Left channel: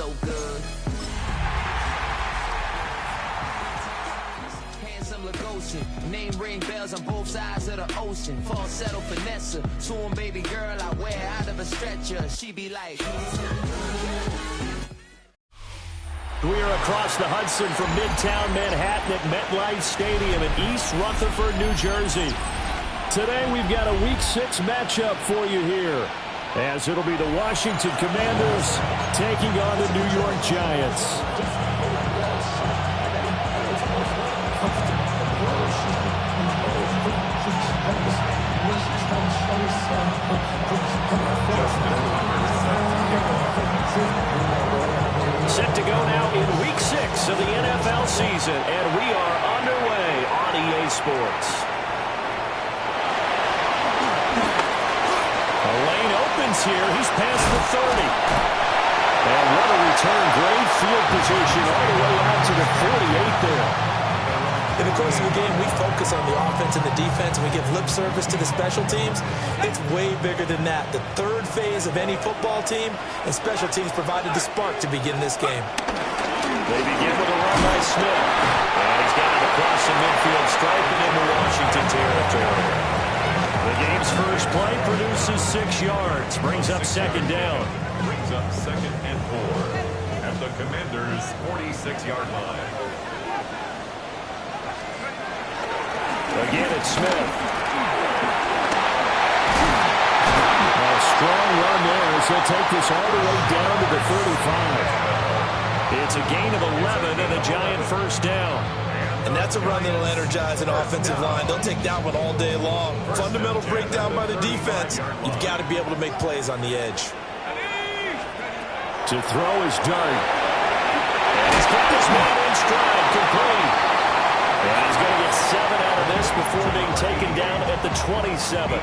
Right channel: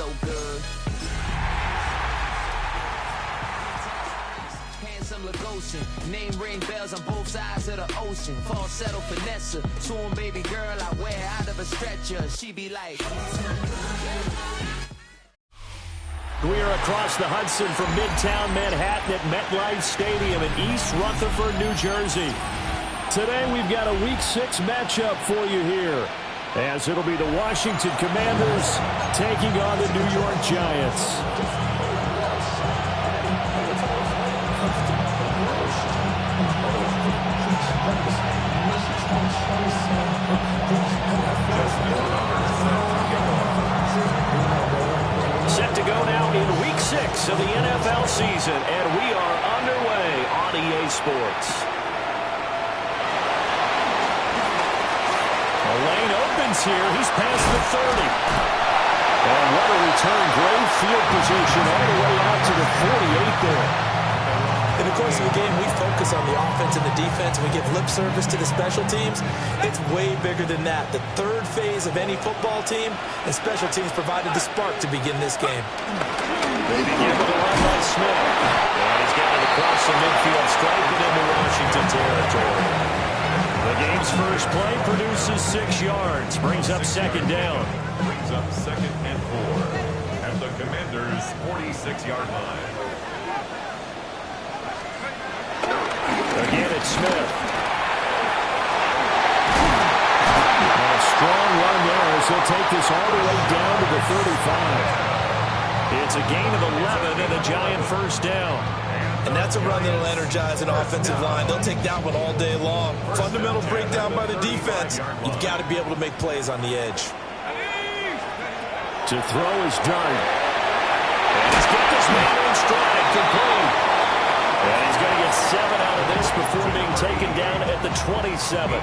so good. Handsome Lagosian, name ring bells on both sides of the ocean. Falsetto finesse, to him baby girl I wear out of a stretcher. She be like. We are across the Hudson from Midtown Manhattan at MetLife Stadium in East Rutherford, New Jersey. Today we've got a Week 6 matchup for you here, as it'll be the Washington Commanders taking on the New York Giants. Set to go now in Week 6 of the NFL season, and we are underway on EA Sports. A lane opens here. He's past the 30. And what a return. Great field position all the way out to the 48 there. In the course of the game, we focus on the offense and the defense, and we give lip service to the special teams. It's way bigger than that. The third phase of any football team, and special teams provided the spark to begin this game. They begin with a run by Smith. And he's got it across the midfield, striping into Washington territory. The game's first play produces 6 yards, brings up second down. Brings up 2nd and 4 at the Commanders' 46-yard line. Again, it's Smith. A strong run there as he'll take this all the way down to the 35. It's a gain of 11 and a Giant first down. And that's a run that'll energize an offensive line. They'll take that one all day long. Fundamental breakdown by the defense. You've got to be able to make plays on the edge. To throw his dart. And he's got this man in stride, complete. And he's going to get 7 out of this before being taken down at the 27.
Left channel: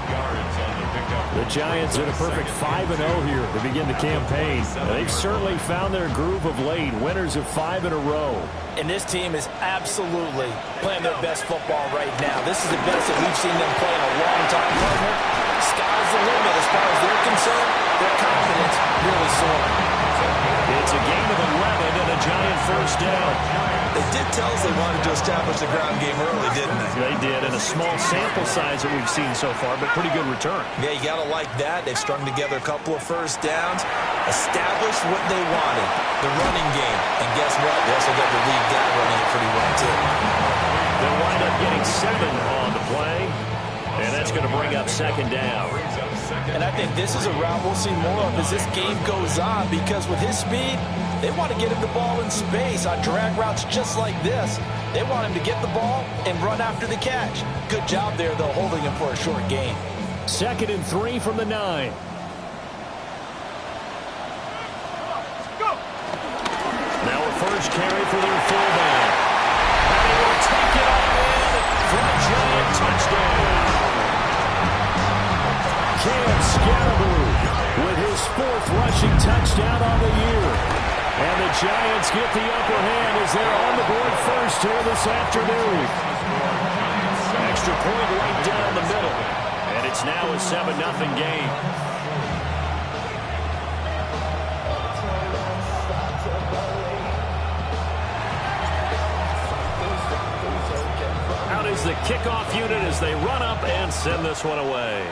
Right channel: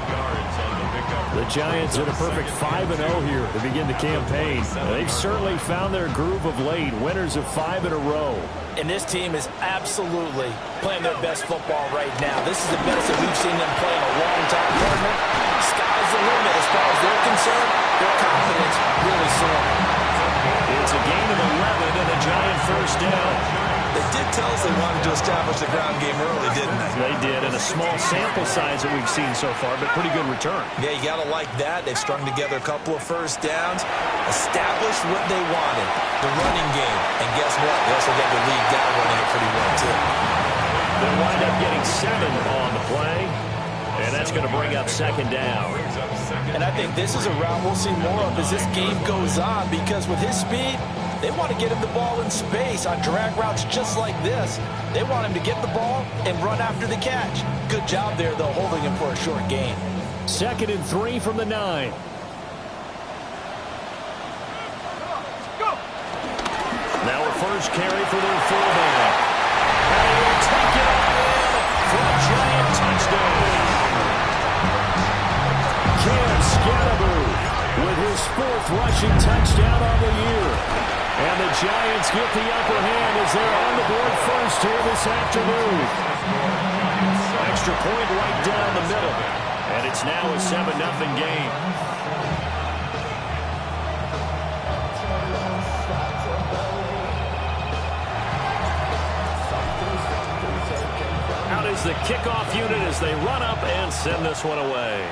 The Giants in a perfect 5-0 here to begin the campaign. They've certainly found their groove of late, winners of 5 in a row. And this team is absolutely playing their best football right now. This is the best that we've seen them play in a long time, partner. Sky's the limit as far as they're concerned. Their confidence really soaring. It's a gain of 11 and a Giant first down. They did tell us they wanted to establish the ground game early, didn't they? They did, in a small sample size that we've seen so far, but pretty good return. Yeah, you got to like that. They've strung together a couple of first downs, established what they wanted, the running game. And guess what? They also got the lead guy running it pretty well, too. They'll wind up getting 7 on the play, and that's going to bring up second down. And I think this is a route we'll see more of as this game goes on, because with his speed, they want to get him the ball in space on drag routes just like this. They want him to get the ball and run after the catch. Good job there, though, holding him for a short gain. 2nd and 3 from the 9. Now a first carry for their fullback. And he will take it all in for a Giant touchdown. Cam Scatterbo with his 4th rushing touchdown on the year. And the Giants get the upper hand as they're on the board first here this afternoon. Extra point right down the middle. And it's now a 7-0 game. Out is the kickoff unit as they run up and send this one away.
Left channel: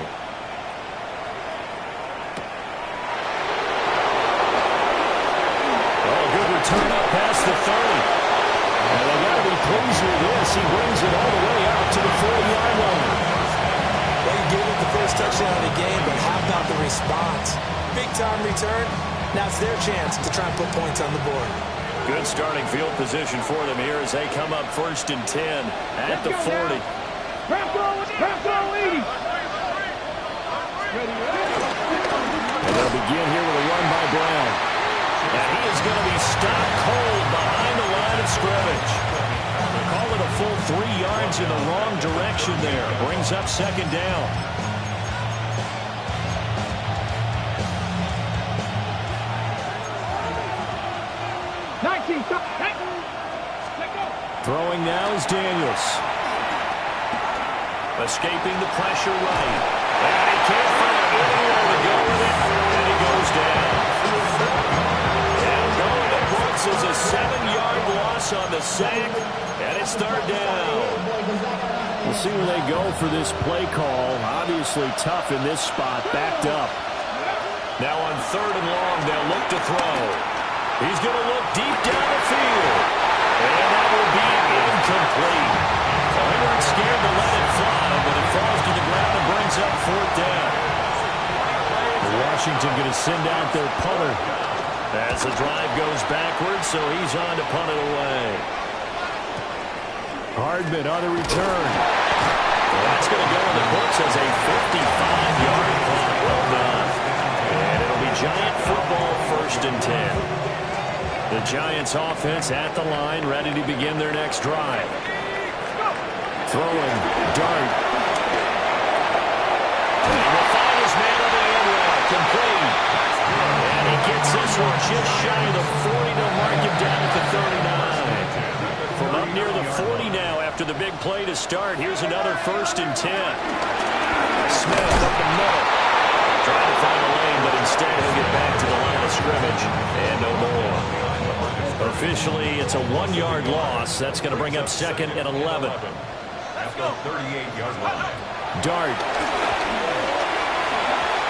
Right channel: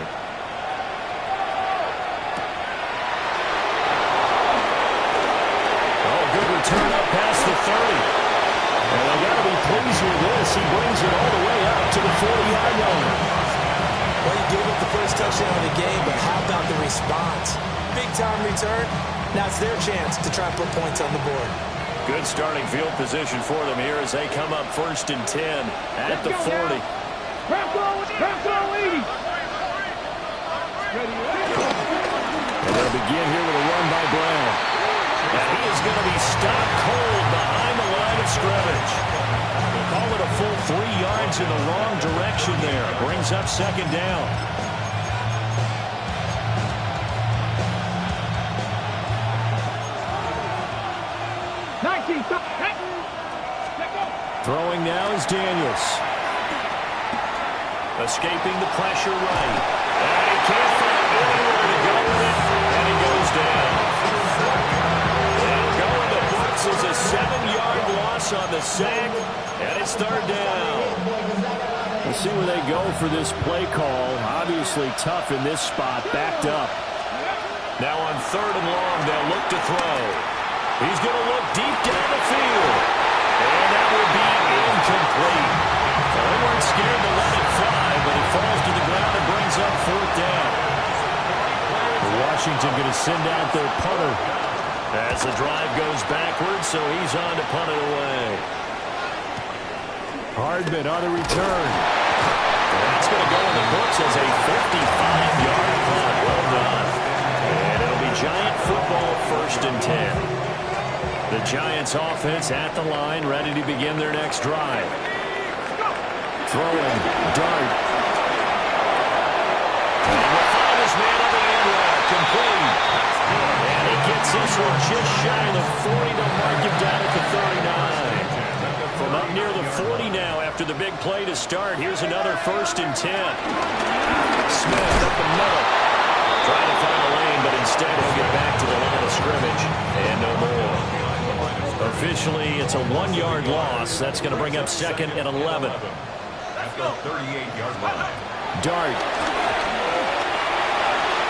Good return up past the 30. And they got to be pleased with this. He brings it all the way out to the 40-yard line. Well, he gave up the first touchdown of the game, but how about the response? Big-time return. Now it's their chance to try and put points on the board. Good starting field position for them here as they come up 1st and 10 at the 40. And they'll begin here with a run by Brown. And he is going to be stopped cold behind the line of scrimmage. We'll call it a full 3 yards in the wrong direction there. Brings up second down. Throwing now is Daniels. Escaping the pressure right. And he can't find anywhere to go with it. And he goes down. And going sack, and it's third down. We'll see where they go for this play call. Obviously tough in this spot, backed up. Now on third and long, they'll look to throw. He's going to look deep down the field. And that will be incomplete. Well, they weren't scared to let it fly, but it falls to the ground and brings up fourth down. Washington going to send out their punter as the drive goes backwards, so he's on to punt it away. Hardman on the return. That's going to go in the books as a 55-yard punt. Well done. And it'll be Giant football, 1st and 10. The Giants offense at the line, ready to begin their next drive. Throwing, Dart. And he will find his man on the end route, complete. And he gets this one just shy of the 40. They'll mark him down at the 39. From up near the 40 now after the big play to start. Here's another 1st and 10. Smith up the middle. Trying to find a lane, but instead he'll get back to the line of scrimmage. And no more. Officially, it's a 1-yard loss. That's going to bring up 2nd and 11. At the 38-yard line. Dart.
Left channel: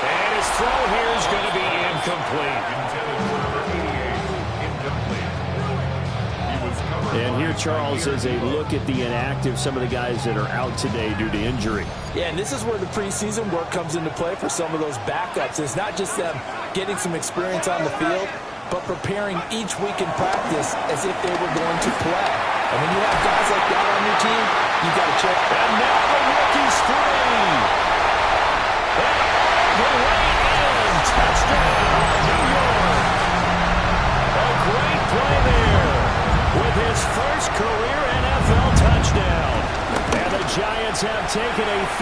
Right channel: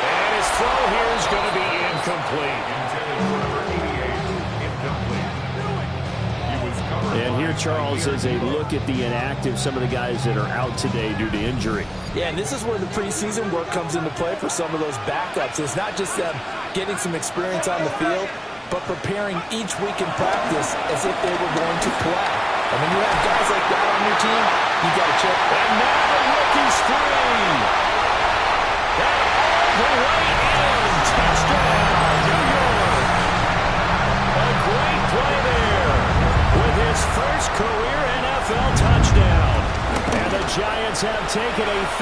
And his throw here is going to be incomplete. Intended for number 88. Incomplete. And here, Charles, is a look at the inactive, some of the guys that are out today due to injury. Yeah, and this is where the preseason work comes into play for some of those backups. It's not just them getting some experience on the field, but preparing each week in practice as if they were going to play. And when you have guys like that on your team, you got to check. And now the rookie's free. And all the way in. Touchdown, New York. A great play there with his first career NFL touchdown. And the Giants have taken a 13-0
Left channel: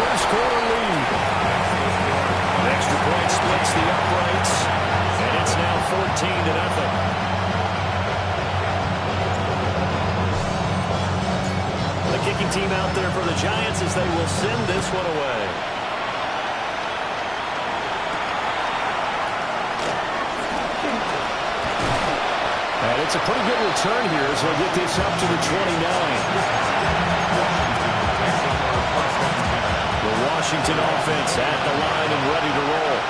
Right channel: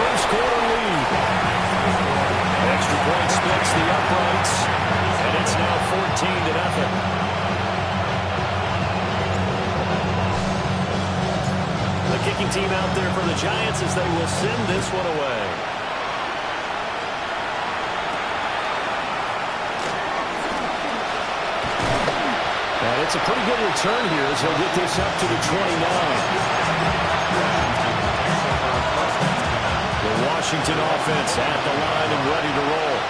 first quarter lead. Extra point splits the uprights, and it's now 14-0. The kicking team out there for the Giants as they will send this one away. And it's a pretty good return here as he'll get this up to the 29. The Washington offense at the line and ready to roll.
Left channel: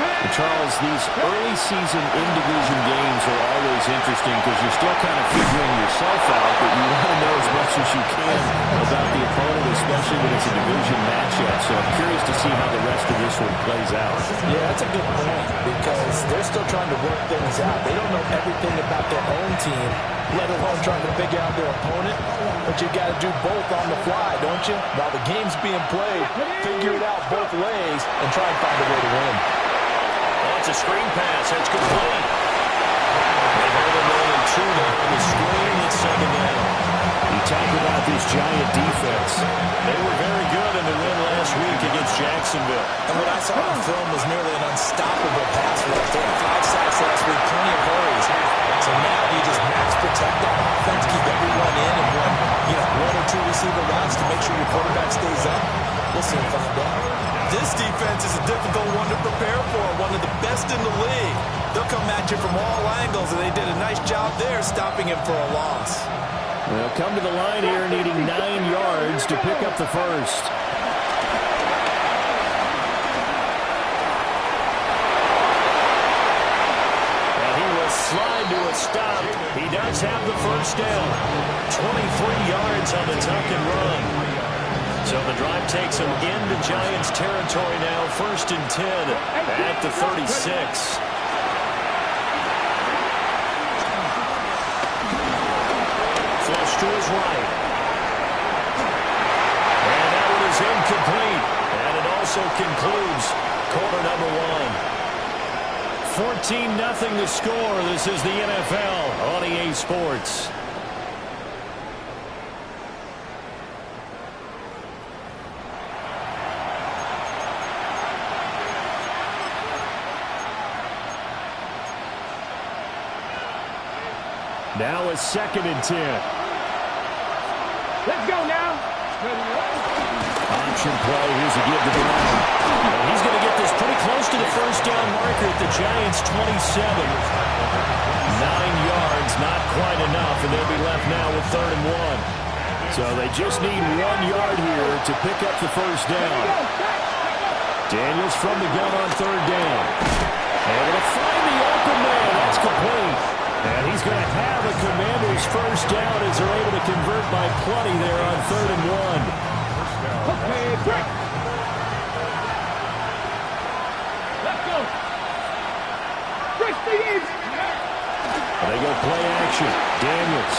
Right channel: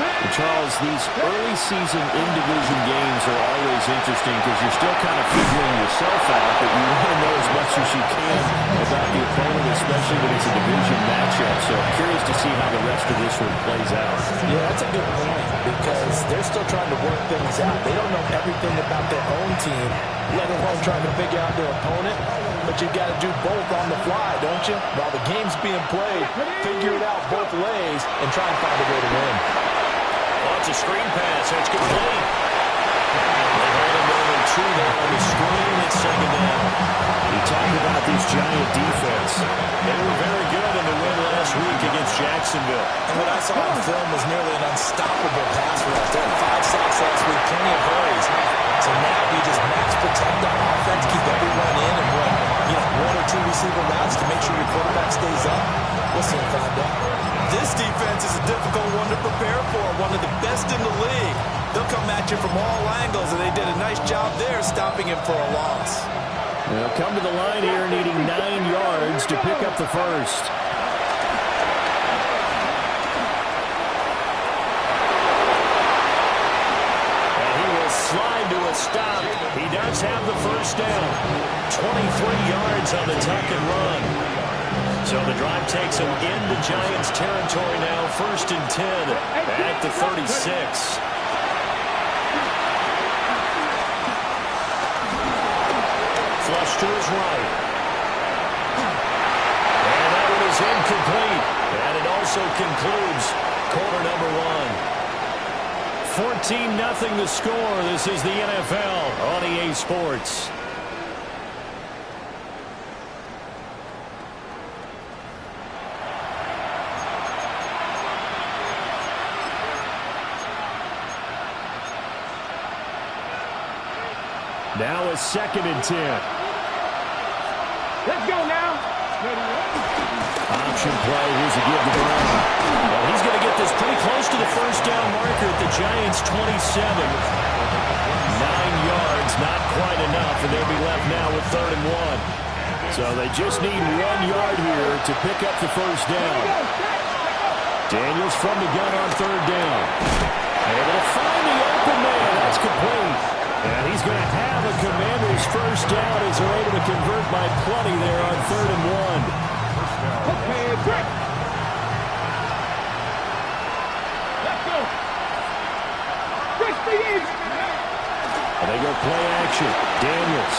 And Charles, these early season in-division games are always interesting because you're still kind of figuring yourself out, but you want to know as much as you can about the opponent, especially when it's a division matchup. So I'm curious to see how the rest of this one plays out. Yeah, that's a good point because they're still trying to work things out. They don't know everything about their own team, let alone trying to figure out their opponent. But you got to do both on the fly, don't you? While the game's being played, figure it out both ways and try and find a way to win. Oh, it's a screen pass. It's complete. They hold him only 2 there on the screen. It's 2nd down. You talk about this Giant defense. They were very good in the win last week against Jacksonville. And what I saw on film was nearly an unstoppable pass rush. They had 5 sacks last week, plenty of hurries. So now you just max protect on offense, keep everyone in, and run 1 or 2 receiver routes to make sure your quarterback stays up. We'll see and find out. This defense is a difficult one to prepare for, one of the best in the league. They'll come at you from all angles, and they did a nice job there stopping him for a loss. They'll come to the line here needing 9 yards to pick up the first. And he will slide to a stop. He does have the first down. 23 yards on the tuck and run. So the drive takes him into Giants territory now, 1st and 10 at the 36. Flush to his right. And that one is incomplete. And it also concludes quarter number 1. 14-0 the score. This is the NFL on EA Sports. Now it's 2nd and 10. Let's go now. Option play. Here's a give to Brown. And he's going to get this pretty close to the first down marker at the Giants' 27. 9 yards, not quite enough, and they'll be left now with 3rd and 1. So they just need 1 yard here to pick up the first down. Daniels from the gun on 3rd down. Able to find the open man. That's complete. And he's going to have a Commanders first down as they're able to convert by plenty there on 3rd and 1. Okay, break. Let's go. Break speed. They go play action. Daniels.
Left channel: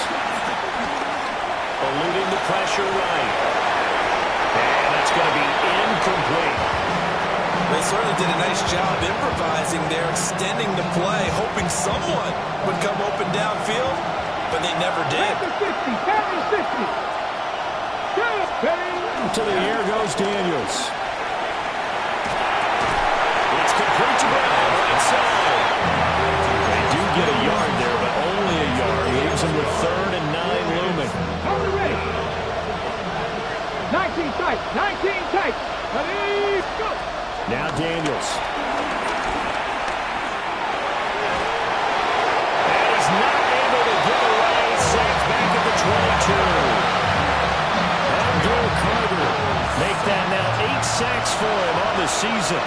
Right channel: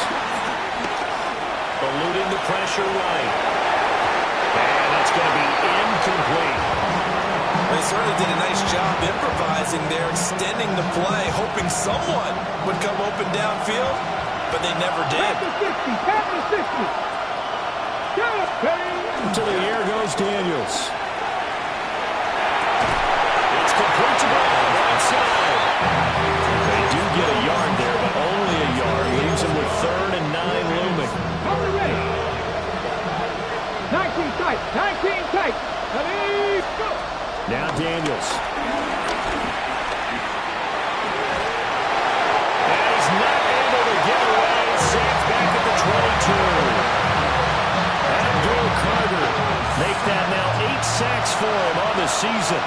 Eluding the pressure right. And that's going to be incomplete. They certainly did a nice job improvising there, extending the play, hoping someone would come open downfield, but they never did. To the air goes Daniels. It's complete to Brown, right side. They do get a yard there, but only a yard. Leaves them with 3rd and 9 looming. 19 tight, 19 tight. Ready, go. Now Daniels. And he's not able to get away. Sacked back at the 22. Abdul Carter make that now 8 sacks for him on the season.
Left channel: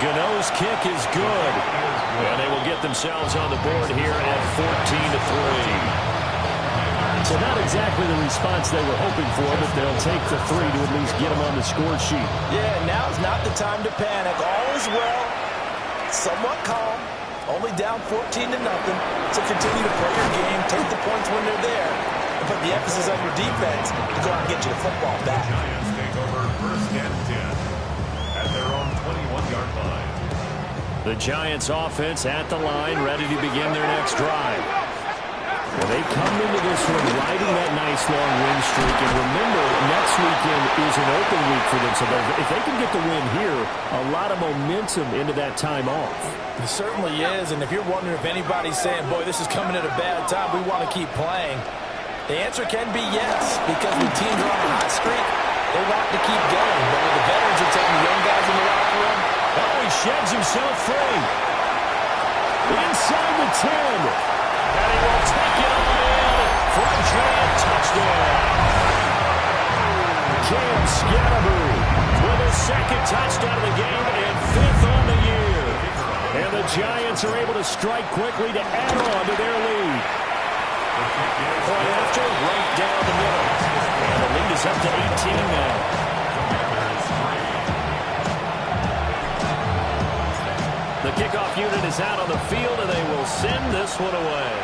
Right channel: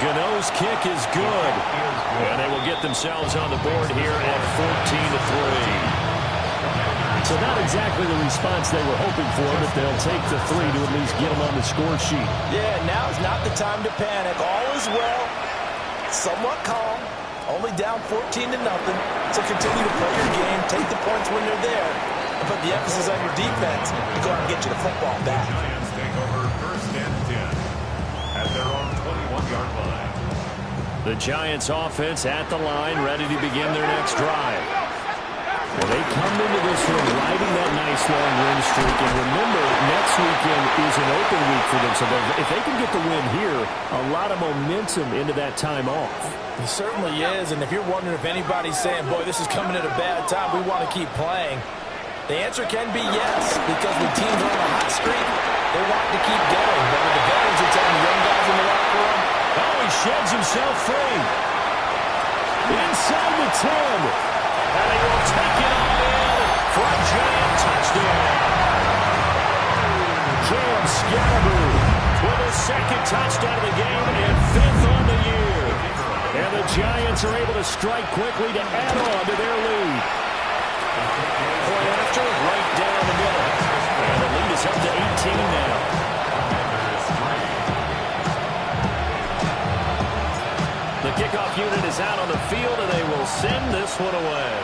Gano's kick is good. And they will get themselves on the board here at 14-3. So not exactly the response they were hoping for, but they'll take the 3 to at least get them on the score sheet. Yeah, now's not the time to panic. All is well. Somewhat calm. Only down 14-0. So continue to play your game. Take the points when they're there. And put the emphasis on your defense to go out and get you the football back. The Giants take over 1st and 10 at their own 21-yard line. The Giants offense at the line, ready to begin their next drive. Well, they come into this one riding that nice long win streak. And remember, next weekend is an open week for them. So if they can get the win here, a lot of momentum into that time off. It certainly is. And if you're wondering if anybody's saying, boy, this is coming at a bad time, we want to keep playing, the answer can be yes. Because when teams are on a hot streak, they want to keep going. But when the veterans are telling the young guys in the locker room, oh, he sheds himself free. Inside the 10. And he will take it all in for a giant touchdown. Cam Scatterboo with his 2nd touchdown of the game and 5th on the year. And the Giants are able to strike quickly to add on to their lead. Point after, right down the middle. And the lead is up to 18 now. The kickoff unit is out on the field, and they will send this one away.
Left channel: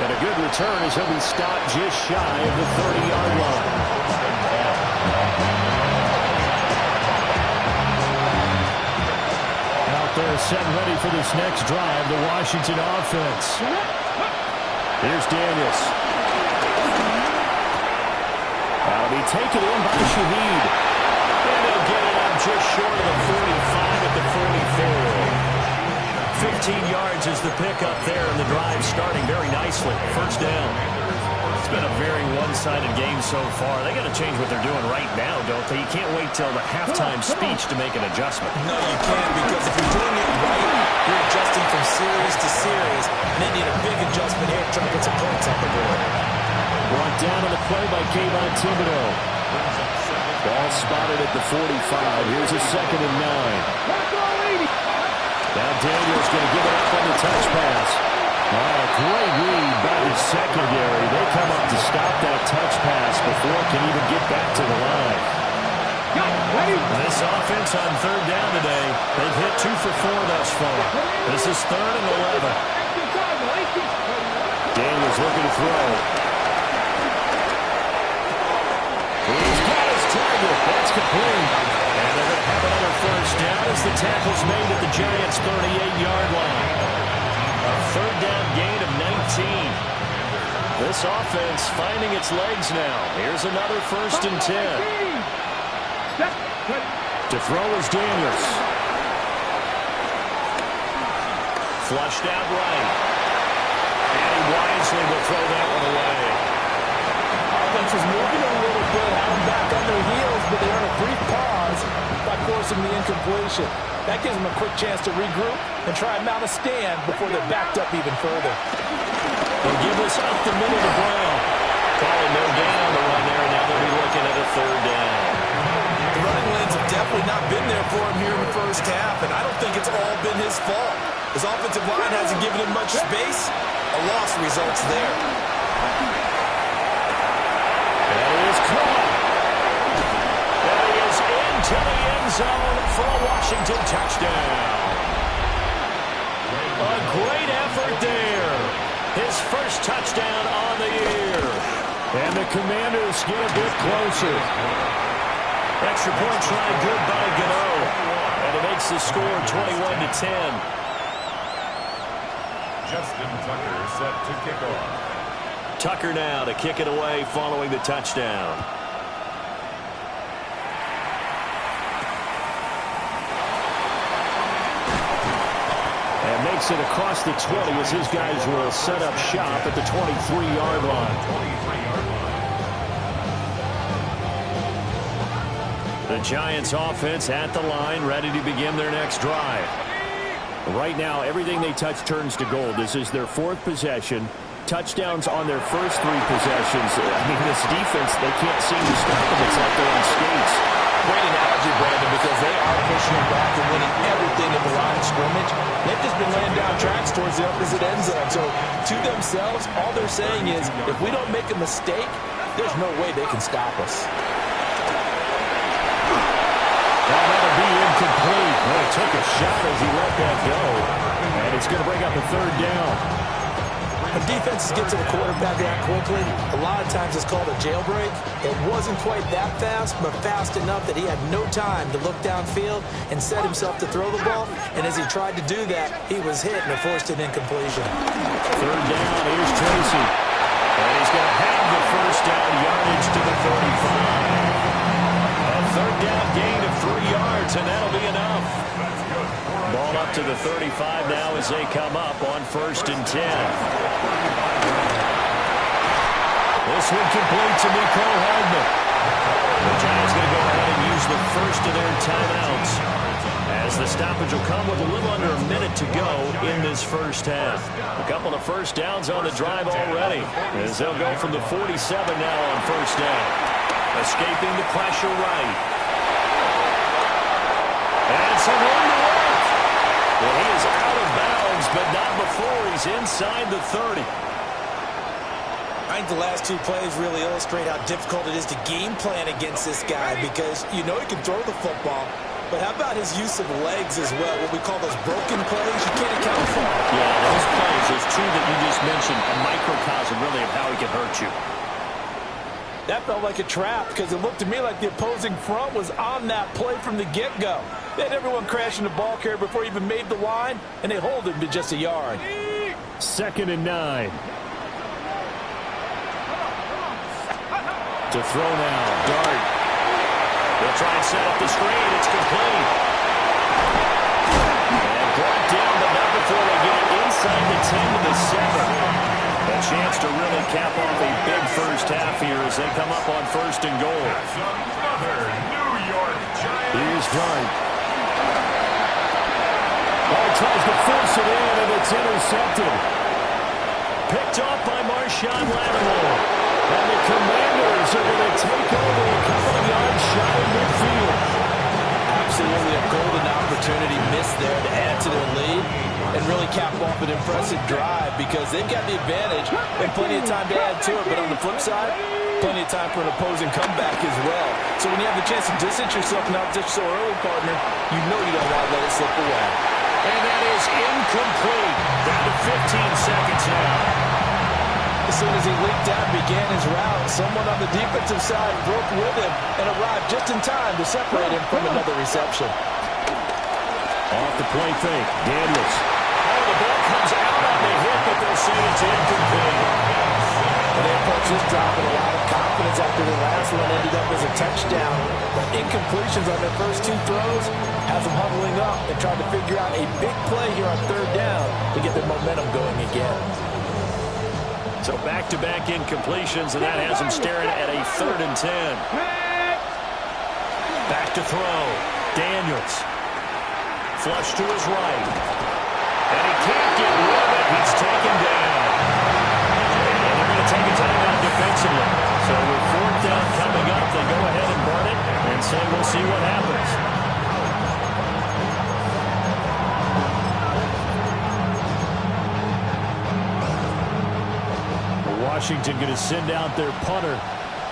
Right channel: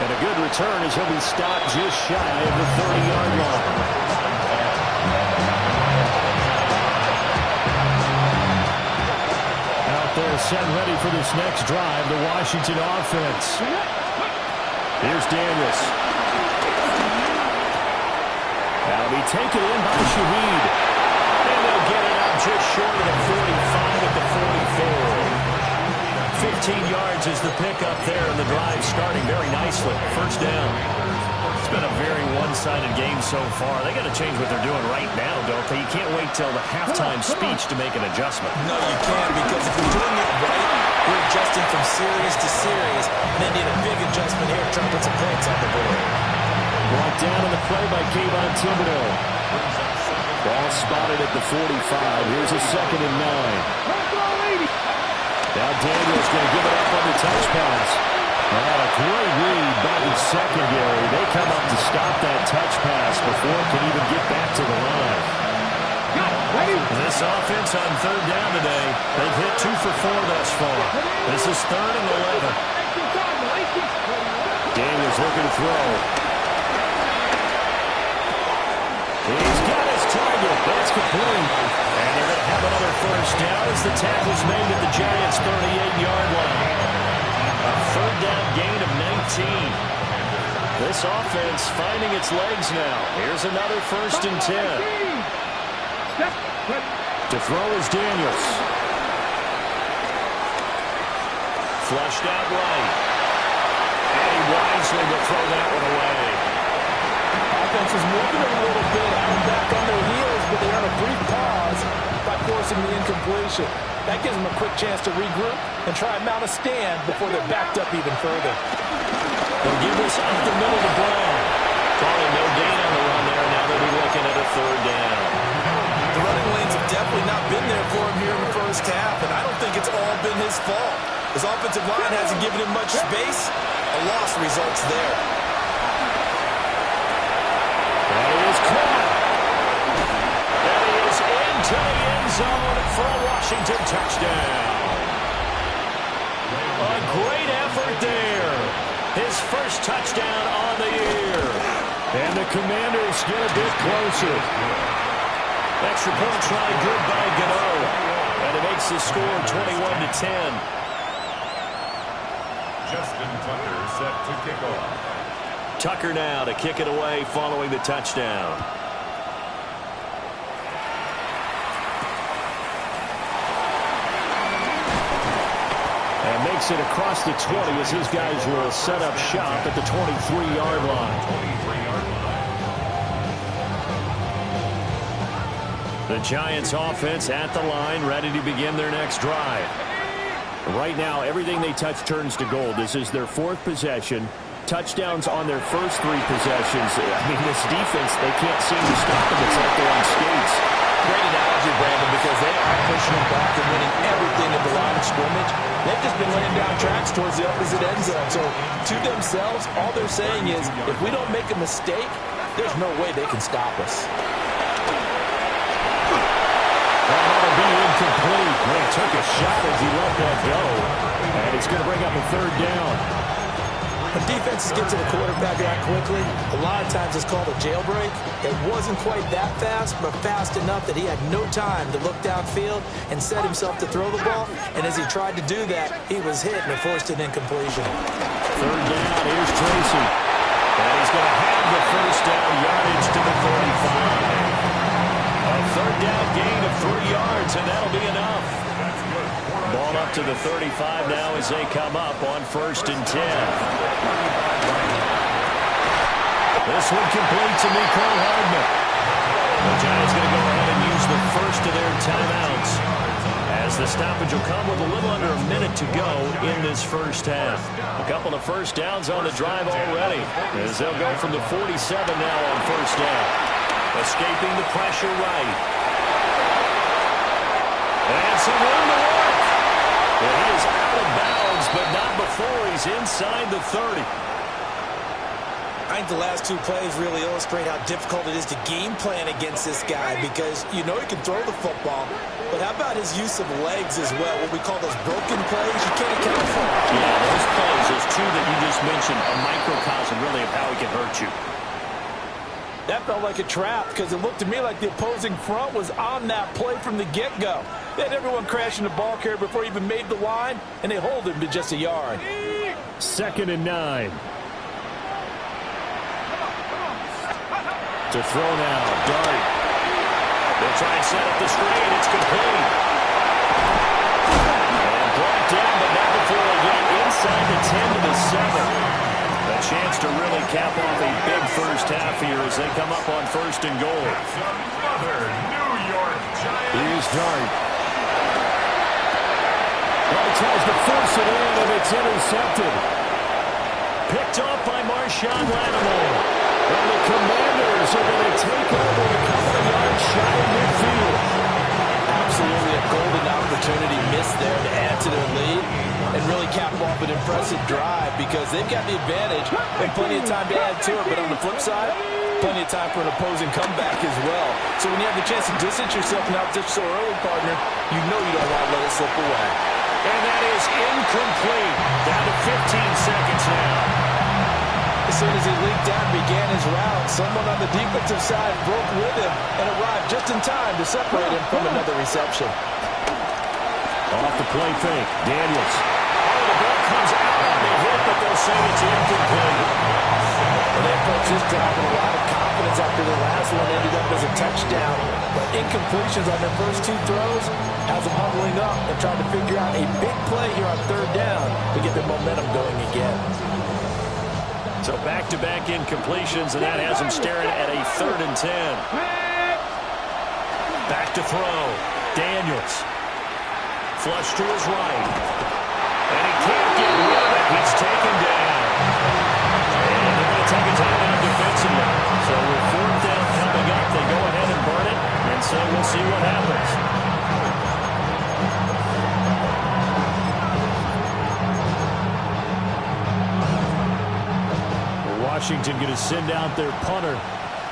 And a good return as he'll be stopped just shy of the 30-yard line. Out there set ready for this next drive, the Washington offense. Here's Daniels. That'll be taken in by Shaheed. And they'll get it up just short of the 45 at the 44. 15 yards is the pickup there, and the drive starting very nicely. First down. It's been a very one-sided game so far. They got to change what they're doing right now, don't they? You can't wait till the halftime speech to make an adjustment. no, you can't, because if you're doing it right, you're adjusting from series to series, and they need a big adjustment here to try to put some points on the board. Brought down on the play by Kayvon Thibodeau. Ball spotted at the 45. Here's a 2nd and 9. Now Daniels going to give it up on the touch pass. A great read by the secondary. They come up to stop that touch pass before it can even get back to the line. This offense on 3rd down today, they've hit 2 for 4 thus far. This is 3rd and 11. Daniels looking to throw. He's got his target. That's complete. And they're going to have another first down as the tackle's made at the Giants' 38-yard line. A 3rd down gain of 19. This offense finding its legs now. Here's another 1st and 10. To throw is Daniels. Flushed out right. And he wisely will throw that one away. Offense was moving a little bit, had them back on their heels, but they earn a brief pause by forcing the incompletion. That gives them a quick chance to regroup and try and mount a stand before they're backed up even further. They'll give this up the middle to Brown. Calling no gain on the run there, and now they'll be looking at a third down. The running lanes have definitely not been there for him here in the first half, and I don't think it's all been his fault. His offensive line hasn't given him much space. A loss results there. That is caught. That is into the end zone for a Washington touchdown. A great effort there. His first touchdown on the year. And the Commanders get a bit closer. Extra point try good by Gano. And it makes the score 21-10. Justin Tucker set to kick off. Tucker now to kick it away following the touchdown. And makes it across the 20 as his guys will set up shop at the 23-yard line. 23-yard line. The Giants offense at the line, ready to begin their next drive. Right now, everything they touch turns to gold. This is their fourth possession. Touchdowns on their first three possessions. I mean, this defense, they can't seem to stop them. It's like they're on skates. Great analogy, Brandon, because they are pushing them back and winning everything at the line of scrimmage. They've just been laying down tracks towards the opposite end zone. So, to themselves, all they're saying is, if we don't make a mistake, there's no way they can stop us. That'll be incomplete. Well, he took a shot as he let that go. And it's going to bring up a third down. When defenses get to the quarterback that quickly, a lot of times it's called a jailbreak. It wasn't quite that fast, but fast enough that he had no time to look downfield and set himself to throw the ball. And as he tried to do that, he was hit and it forced an incompletion. Third down, here's Tracy. And he's going to have the first down yardage to the 35. A third down gain of 3 yards, and that'll be enough. Ball up to the 35 now as they come up on 1st and 10. This one complete to Mecole Hardman. The Giants going to go ahead and use the first of their timeouts, as the stoppage will come with a little under a minute to go in this first half. A couple of first downs on the drive already, as they'll go from the 47 now on 1st down. Escaping the pressure right. And some room to work. Well, he is out of bounds, but not before he's inside the 30. I think the last two plays really illustrate how difficult it is to game plan against this guy, because you know he can throw the football, but how about his use of legs as well? What we call those broken plays, you can't account for. Yeah, those plays, those two that you just mentioned, a microcosm really of how he can hurt you. That felt like a trap, because it looked to me like the opposing front was on that play from the get-go. They had everyone crashing the ball carrier before he even made the line, and they hold him to just a yard. 2nd and 9. To throw now, Dart. They'll try and set up the screen. It's complete. And brought down, but not before they get it inside the 10 to the 7. A chance to really cap off a big first half here as they come up on 1st and goal. Another New York Giants. Here's Dart. Well, he tries to force it in, and it's intercepted. Picked off by Marshawn Lattimore. And the Commanders are going to take over a couple of yards shy of midfield. Absolutely a golden opportunity missed there to add to their lead and really cap off an impressive drive, because they've got the advantage and plenty of time to add to it. But on the flip side, plenty of time for an opposing comeback as well. So when you have the chance to distance yourself in opposition so early, partner, you know you don't want to let it slip away. And that is incomplete. Down to 15 seconds now. As soon as he leaked out and began his route, someone on the defensive side broke with him and arrived just in time to separate him from another reception. Off the play fake, Daniels. Oh, the ball comes out on the hit, but they'll say it's incomplete. Well, they approached this drive with a lot of confidence after the last one ended up as a touchdown. But incompletions on their first two throws has them huddling up and trying to figure out a big play here on 3rd down to get their momentum going again. So back-to-back incompletions, and that has him staring at a 3rd and 10. Back to throw. Daniels. Flush to his right. And he can't get rid of it. He's taken down. And they're going to take a timeout defensively. So with 4th down coming up, they go ahead and burn it and say we'll see what happens. Washington going to send out their punter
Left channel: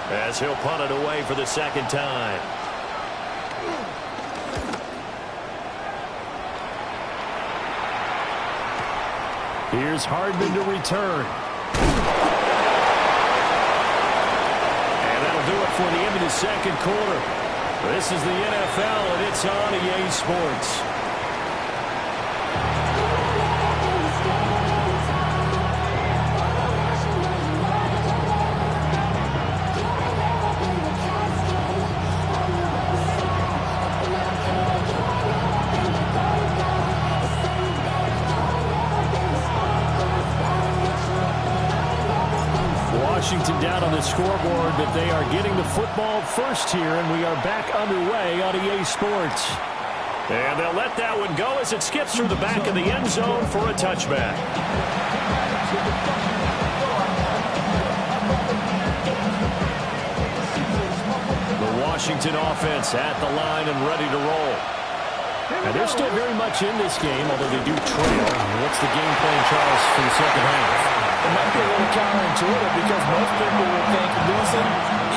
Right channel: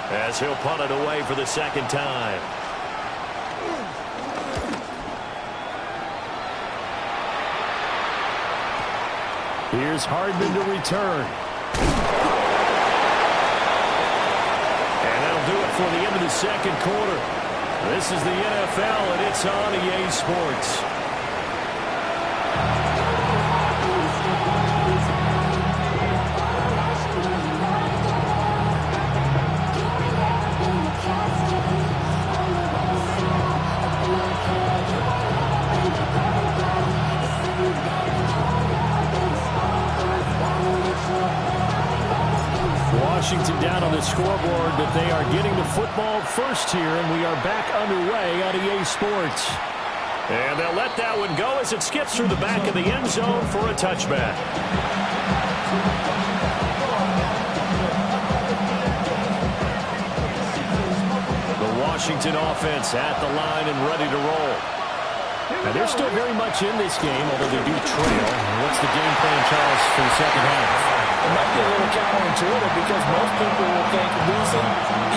as he'll punt it away for the 2nd time. Here's Hardman to return. And that'll do it for the end of the 2nd quarter. This is the NFL, and it's on EA Sports. Washington down on the scoreboard, but they are getting the football first here, and we are back underway on EA Sports. And they'll let that one go as it skips through the back of the end zone for a touchback. The Washington offense at the line and ready to roll. And they're still very much in this game, although they do trail. What's the game plan, Charles, for the 2nd half? It might be a little counterintuitive because most people will think losing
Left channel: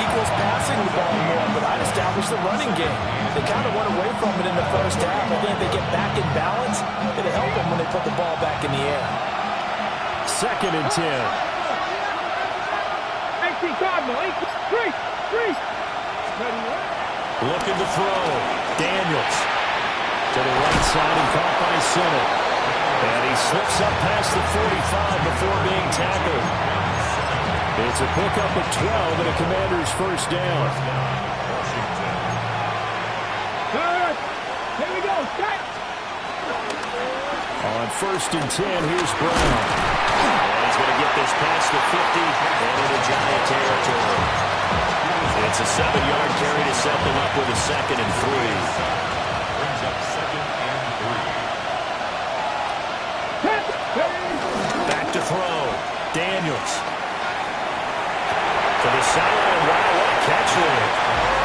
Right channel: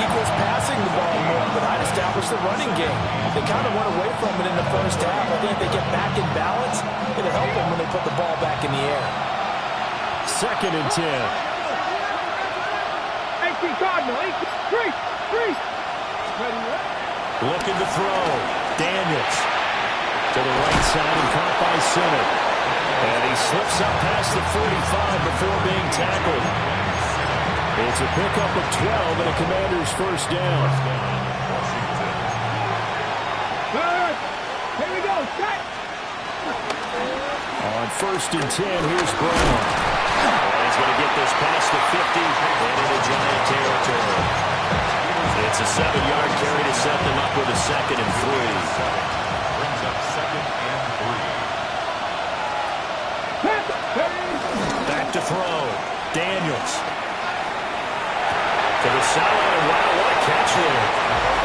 equals passing the ball more, but I'd establish the running game. They kind of went away from it in the 1st half. I think if they get back in balance, it'll help them when they put the ball back in the air. 2nd and 10. 18 Cardinal, 3. Looking to throw. Daniels to the right side and caught by Sinnott. And he slips up past the 45 before being tackled. It's a pickup of 12 and a Commander's 1st down. Good. Here we go. Set. On 1st and 10, here's Brown. And he's going to get this past the 50 and into Giant territory. It's a 7-yard carry to set them up with a 2nd and 3. Brings up 2nd and 3. Back to throw. Daniels. To the sideline, and wow, what a catch there.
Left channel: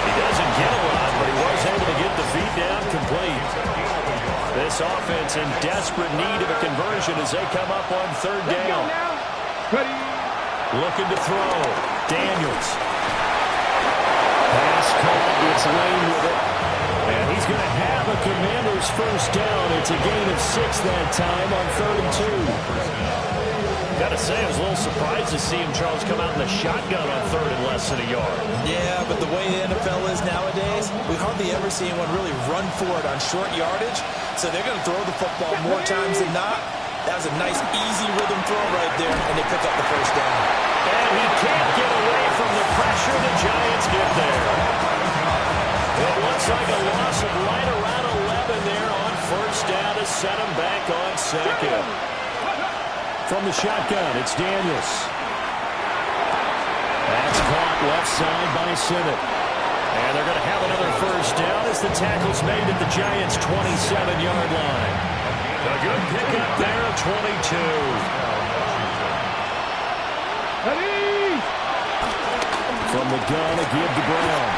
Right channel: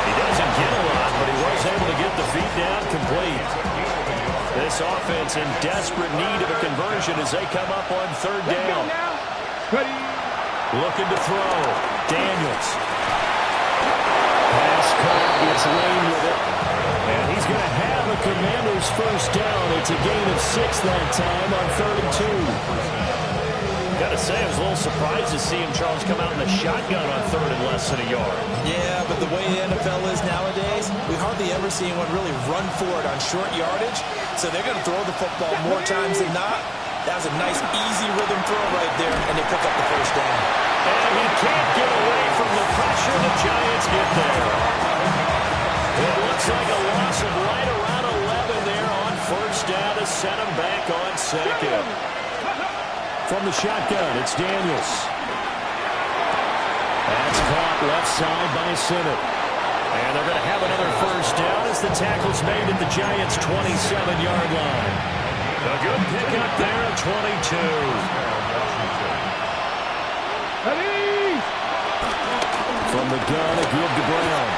He doesn't get a lot, but he was able to get the feet down complete. This offense in desperate need of a conversion as they come up on 3rd down. Looking to throw. Daniels. Pass caught. It's Lane with it. And he's going to have a Commander's 1st down. It's a gain of 6 that time on 3rd and 2. Got to say, I was a little surprised to see him, Charles, come out in the shotgun on 3rd and less than a yard. Yeah, but the way the NFL is nowadays, we hardly ever see anyone really run for it on short yardage. So they're going to throw the football more times than not. That was a nice, easy rhythm throw right there, and they pick up the 1st down. And he can't get away from the pressure. The Giants get there. It looks like a loss of right around 11 there on 1st down to set him back on 2nd. From the shotgun, it's Daniels. That's caught left side by Sinnott. And they're going to have another 1st down as the tackle's made at the Giants' 27-yard line. A good pickup there of 22. From the gun, a give to Brown.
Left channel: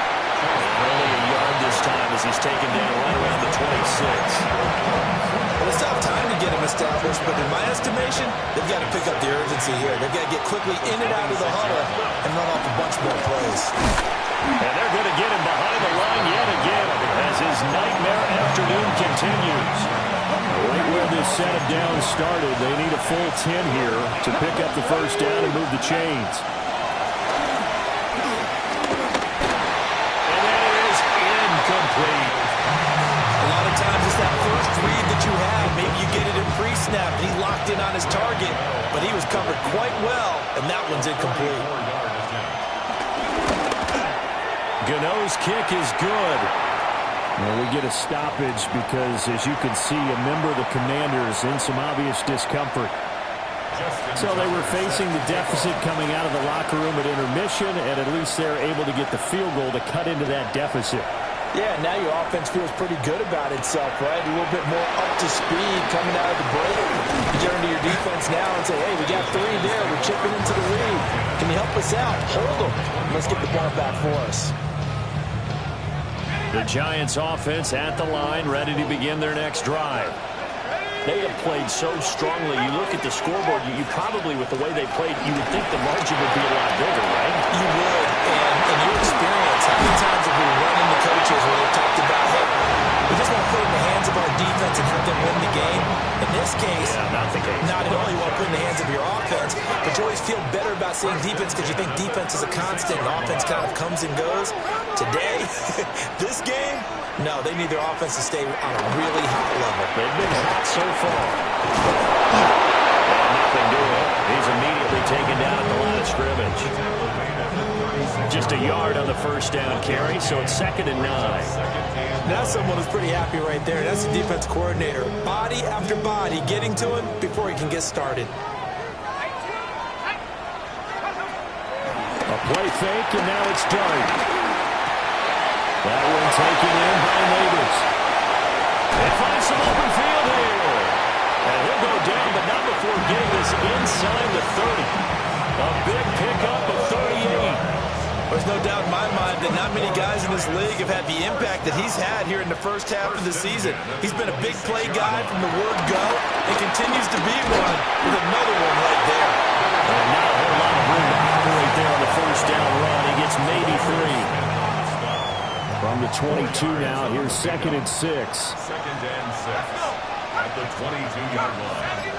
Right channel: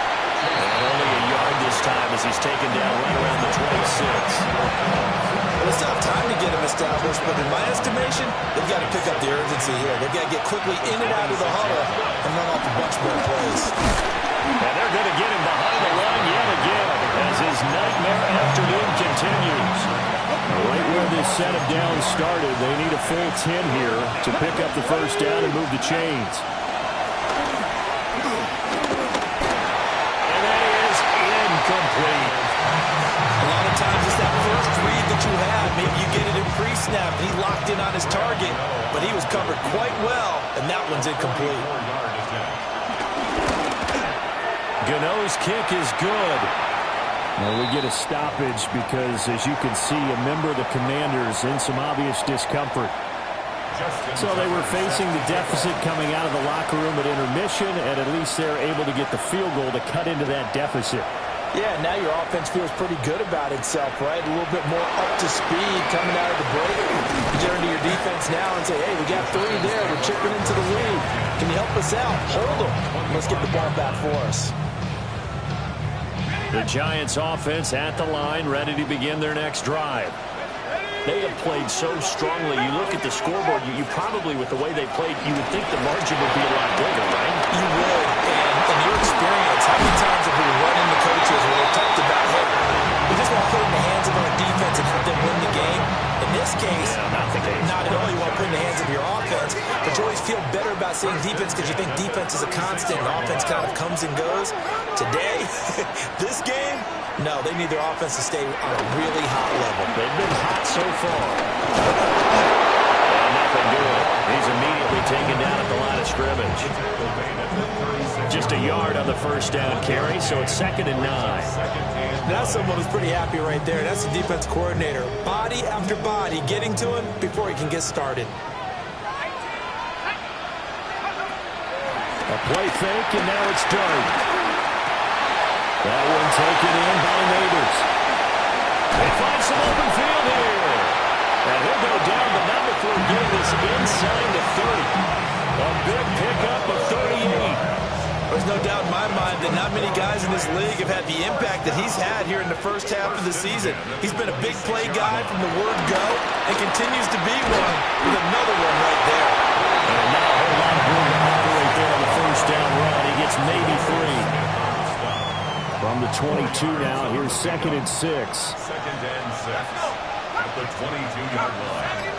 And only a yard this time as he's taken down right around the 26. Well, it's tough time to get him established, but in my estimation, they've got to pick up the urgency here. They've got to get quickly in and out of the huddle and run off a bunch more plays. And they're going to get him behind the line yet again as his nightmare afternoon continues. Right where this set of downs started, they need a full 10 here to pick up the 1st down and move the chains. And that is incomplete. A lot of times it's that first read that you have. Maybe you get it in pre-snap, and he locked in on his target, but he was covered quite well, and that one's incomplete. Gano's kick is good. Well, we get a stoppage because, as you can see, a member of the Commanders in some obvious discomfort. So they were facing the deficit coming out of the locker room at intermission, and at least they're able to get the field goal to cut into that deficit. Yeah, now your offense feels pretty good about itself, right? A little bit more up to speed coming out of the break. You turn to your defense now and say, hey, we got 3 there. We're chipping into the lead. Can you help us out? Hold them. Let's get the ball back for us. The Giants offense at the line, ready to begin their next drive. They have played so strongly. You look at the scoreboard, you probably, with the way they played, you would think the margin would be a lot bigger, right? You would. And in your experience, how many times have we run into coaches where they've talked about, hey, we just want to put it in the hands of our defense and have them win the game? In this case, not the case. Not at all. You want to put it in the hands of your offense, but you always feel better about saying defense because you think defense is a constant and offense kind of comes and goes. Today, this game, no, they need their offense to stay on a really hot level. They've been hot so far. And nothing doing. He's immediately taken down at the line of scrimmage. Just a yard on the first down carry, so it's 2nd and 9. That's someone who's pretty happy right there. That's the defense coordinator. Body after body getting to him before he can get started. A play fake, and now it's Dart. That one taken in by Neighbors. They find some open field here. And he'll go down, but not before getting this inside the 30. A big pickup of 38. There's no doubt in my mind that not many guys in this league have had the impact that he's had here in the first half of the season. He's been a big play guy from the word go and continues to be one with another one right there. And not a whole lot of room to operate there on the first down run. He gets maybe 3. From the 22 now, here's 2nd and 6. 2nd and 6 at the 22-yard line.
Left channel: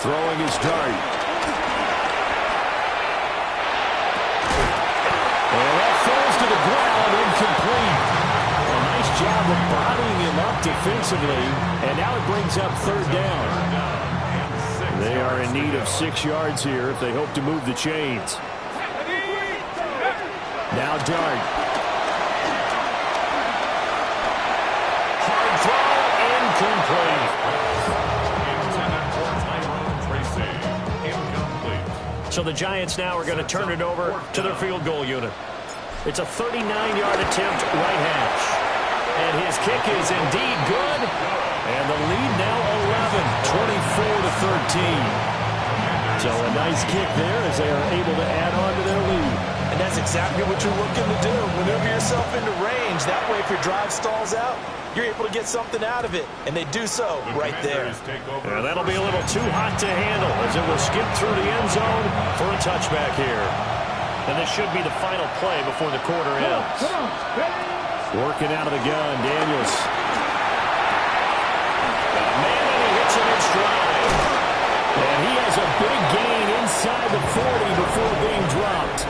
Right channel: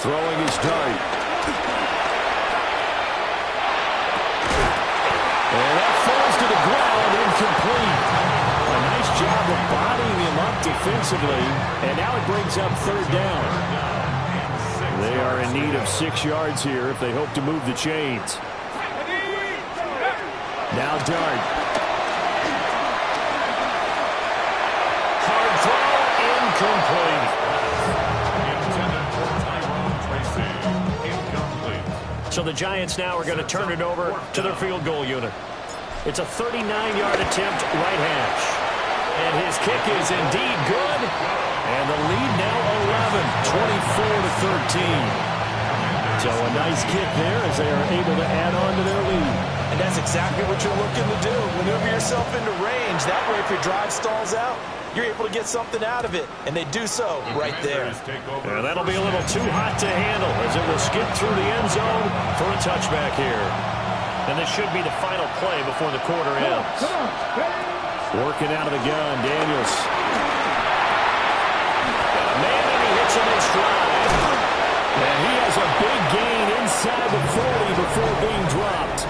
Throwing his Dart. And that falls to the ground, incomplete. A nice job of bodying him up defensively, and now it brings up 3rd down. They are in need of 6 yards here if they hope to move the chains. Now Dart. Hard throw, incomplete. So the Giants now are going to turn it over to their field goal unit. It's a 39-yard attempt, right hash. And his kick is indeed good. And the lead now 11, 24-13. So a nice kick there as they are able to add on to their lead. And that's exactly what you're looking to do. Maneuver yourself into range. That way, if your drive stalls out, you're able to get something out of it, and they do so right there. And that'll be a little too hot to handle as it will skip through the end zone for a touchback here. And this should be the final play before the quarter ends. Working out of the gun, Daniels. Got a man, and he hits him in stride. And he has a big gain inside the 40 before being dropped.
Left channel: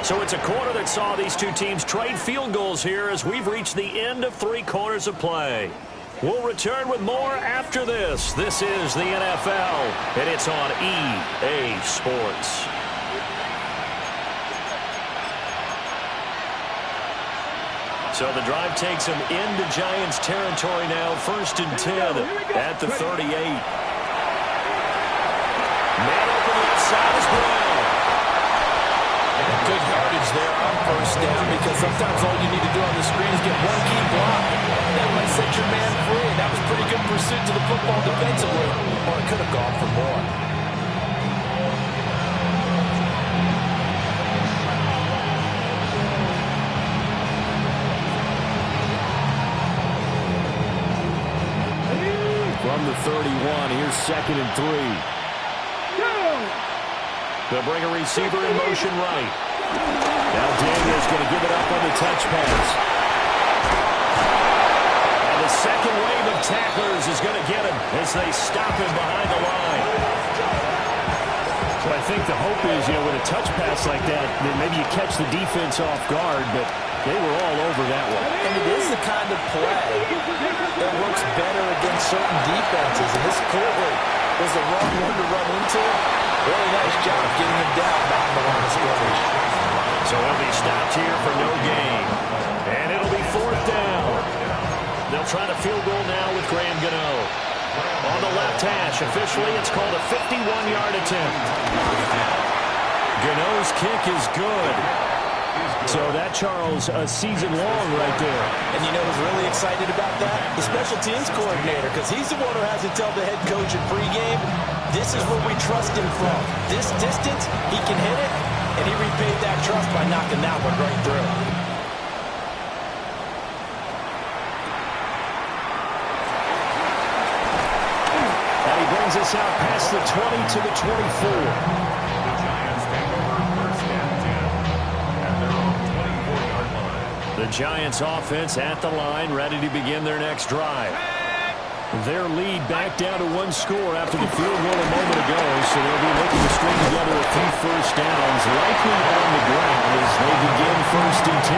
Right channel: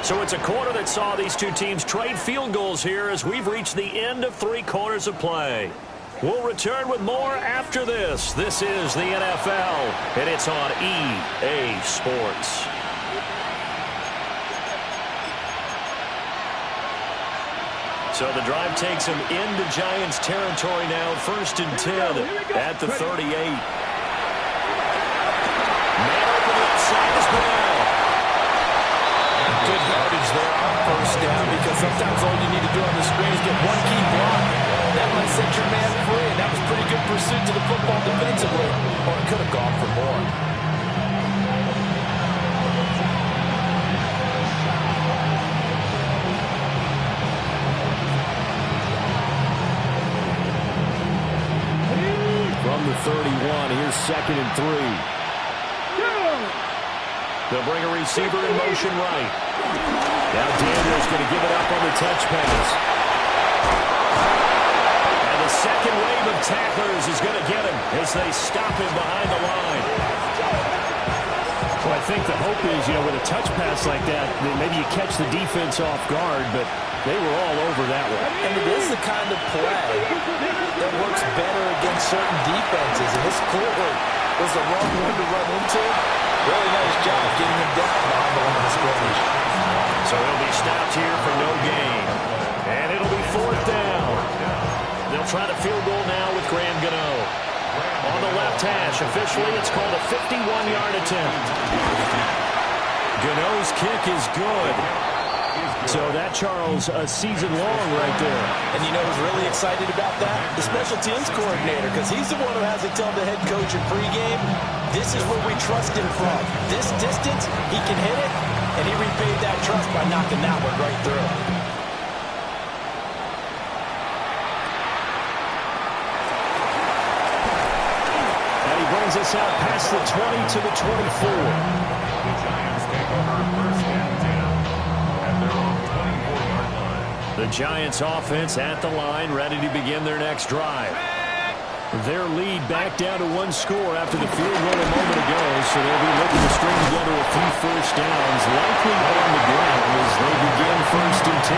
So it's a quarter that saw these two teams trade field goals here as we've reached the end of 3 quarters of play. We'll return with more after this. This is the NFL, and it's on EA Sports. So the drive takes them into Giants territory now, 1st and 10 at the 38. Man open left side is Brown. Good yardage there on 1st down because sometimes all you need to do on the screen is get one key block. That might set your man free, and that was pretty good pursuit to the football defensively. Or it could have gone for more. From the 31, here's 2nd and 3. They'll bring a receiver in motion right. Now Daniels going to give it up on the touch pass. And the second wave of tacklers is going to get him as they stop him behind the line. Well, I think the hope is, with a touch pass like that maybe you catch the defense off guard, but they were all over that one. And it is the kind of play that works better against certain defenses, and this clearly was the wrong one to run into. Really nice job getting him down behind the line of scrimmage. So he'll be stopped here for no gain. And it'll be try the field goal now with Graham Gano. On the left hash, officially it's called a 51-yard attempt. Gano's kick is good. So that, Charles, a season long right there. And you know who's really excited about that? The special teams coordinator, because he's the one who has to tell the head coach in pregame, this is where we trust him from. This distance, he can hit it, and he repaid that trust by knocking that one right through. And he brings us out past the 20 to the 24. The Giants take over first and 10 at their own 24-yard line. The Giants offense at the line, ready to begin their next drive. Their lead back down to one score after the field goal a moment ago, so they'll be looking to string together a few first downs, likely on the ground as they begin first and 10.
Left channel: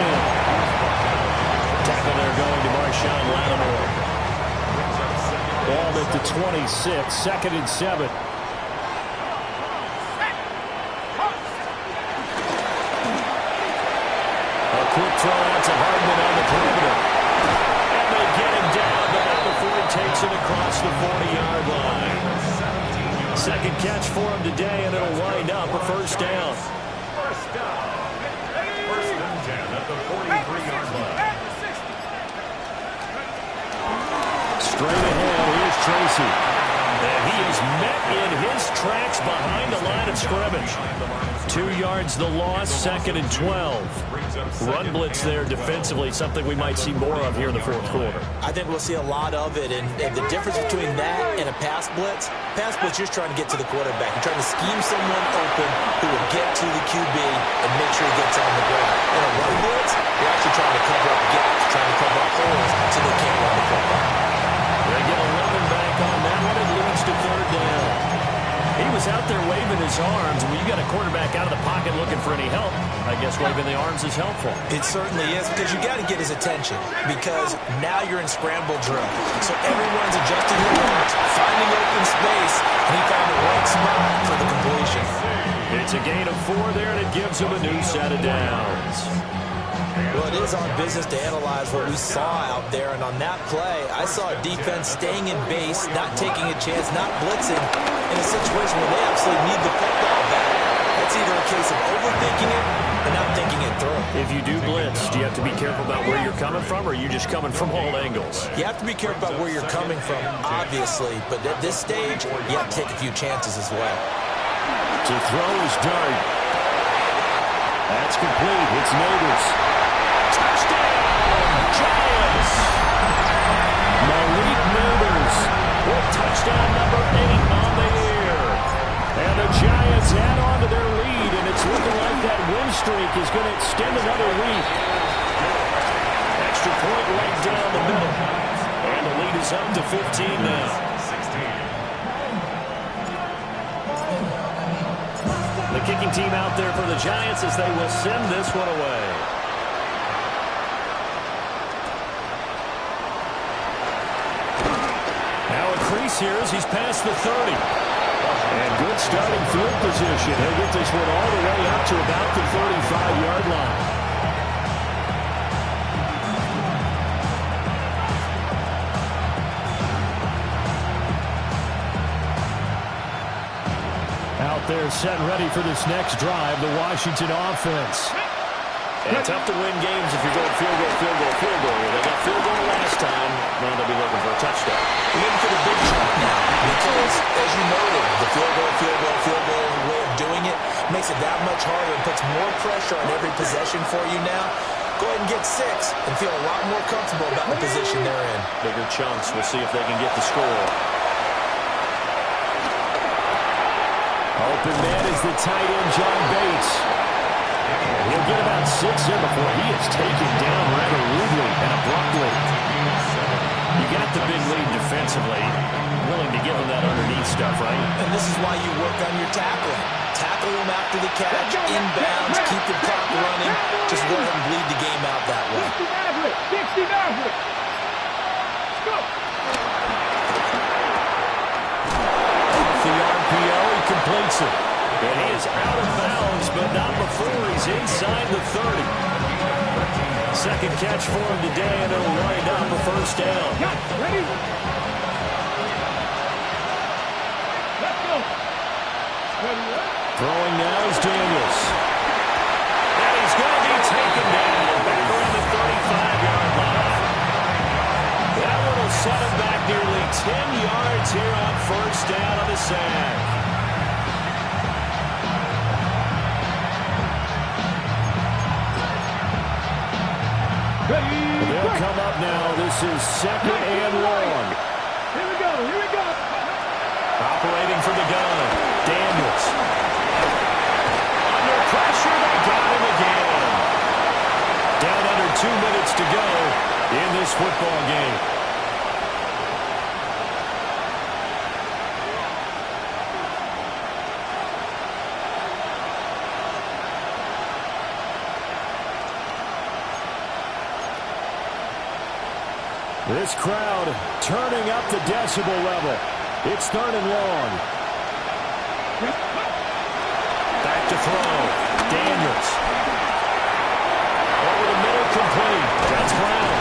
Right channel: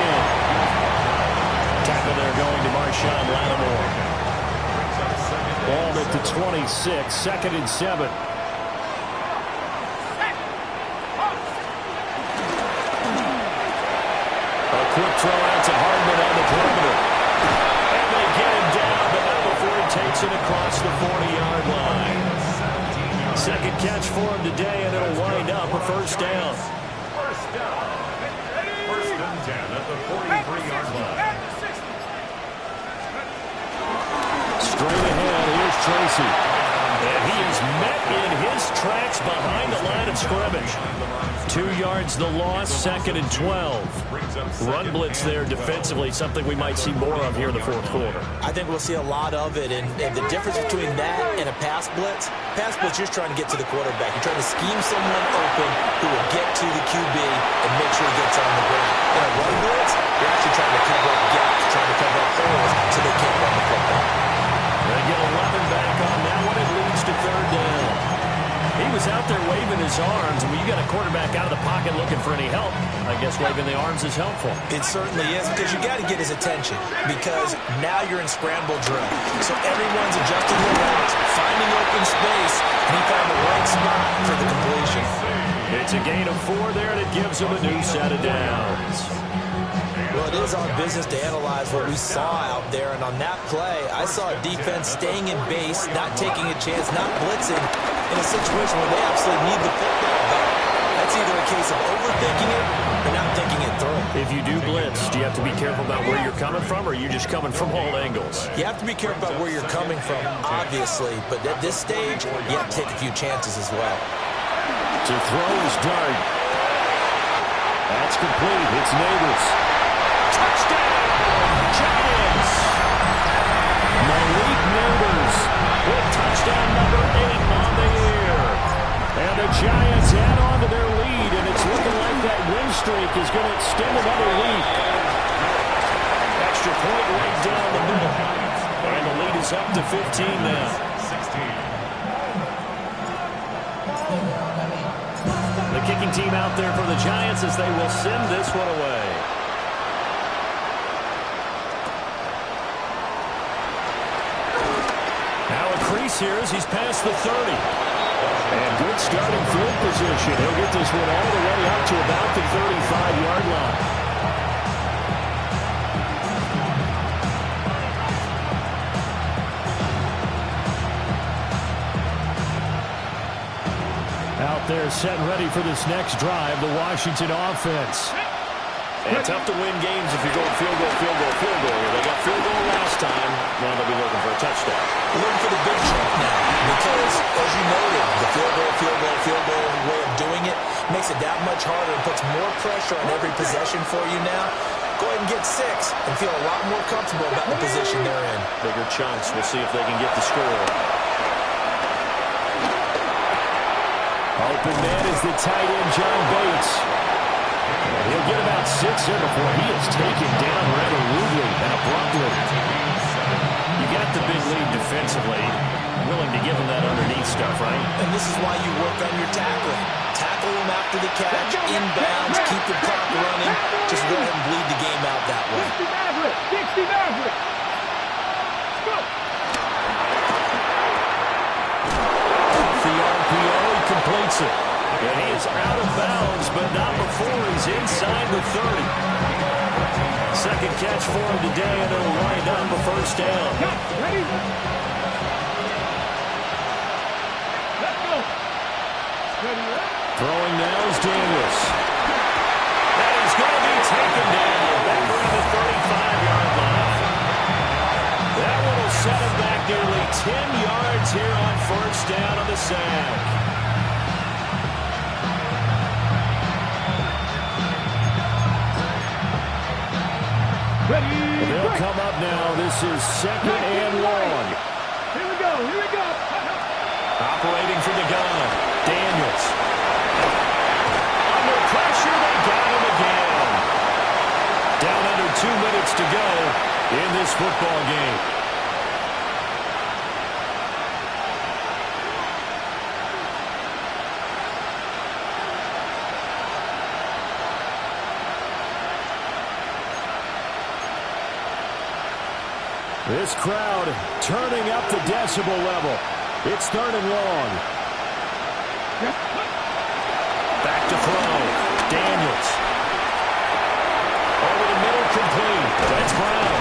Tackle there going to Marshawn Lattimore. Ball at the 26, second and 7. A quick throw out to Hardman on the perimeter. And they get him down, but not before he takes it across the 40-yard line. Second catch for him today, and it'll wind up a first down. First down. First and 10 at the 43-yard line. Straight ahead, here's Tracy. And he is met in his tracks behind the line of scrimmage. 2 yards the loss, second and 12. Run blitz there defensively, something we might see more of here in the fourth quarter. I think we'll see a lot of it, and the difference between that and a pass blitz, you're just trying to get to the quarterback. You're trying to scheme someone open who will get to the QB and make sure he gets on the ground. In a run blitz, you're actually trying to cover up gaps, trying to cover up holes so they can't run the football. They get 11 back on that one. It leads to third down. He was out there waving his arms, and when you got a quarterback out of the pocket looking for any help, I guess waving the arms is helpful. It certainly is, because you got to get his attention, because now you're in scramble drill. So everyone's adjusting their routes, finding open space, and he found the right spot for the completion. It's a gain of 4 there, and it gives him a new set of downs. Well, it is our business to analyze what we saw out there, and on that play, I saw a defense staying in base, not taking a chance, not blitzing in a situation where they absolutely need the football back. That's either a case of overthinking it or not thinking it through. If you do blitz, do you have to be careful about where you're coming from, or are you just coming from all angles? You have to be careful about where you're coming from, obviously, but at this stage, you have to take a few chances as well. To throw is Dart. That's complete. It's Neighbors. Touchdown, Giants! Malik Neighbors with touchdown number 8 on the year. And the Giants add on to their lead, and it's looking like that win streak is going to extend another week. Extra point right down the middle. And the lead is up to 15 now. 16. The kicking team out there for the Giants as they will send this one away. Now a crease here as he's past the 30. And good starting field position. He'll get this one all the way up to about the 35-yard line. Out there set and ready for this next drive, the Washington offense. And tough to win games if you're going field goal, field goal, field goal. They got field goal last time. Now they'll be looking for a touchdown. We're looking for the big chunk now because, as you noted, the field goal way of doing it makes it that much harder and puts more pressure on every possession for you now. Go ahead and get 6 and feel a lot more comfortable about the position they're in. Bigger chunks. We'll see if they can get the score. Open man is the tight end, John Bates. And he'll get about 6 there before he is taken down rather rudely and abruptly. You got the big lead defensively. Willing to give him that underneath stuff, right? And this is why you work on your tackling. Tackle him after the catch, inbounds, keep the clock running. Just go ahead and bleed the game out that way. 60 Maverick. Go. Off the RPO, he completes it. And he is out of bounds, but not before he's inside the 30. Second catch for him today, and it'll wind up a first down. Catch, ready? Let's go. Ready, right? Throwing now is Daniels. And he's going to be taken down back around the 35-yard line. That one will set him back nearly 10 yards here on first down on the sack. Ready, They'll come up now. This is second and long. Here we go, here we go. Operating from the gun, Daniels. Under pressure, they got him again. Down under 2 minutes to go in this football game. This crowd turning up the decibel level. It's third and long. Back to throw. Daniels. Over the middle, complete. That's Brown.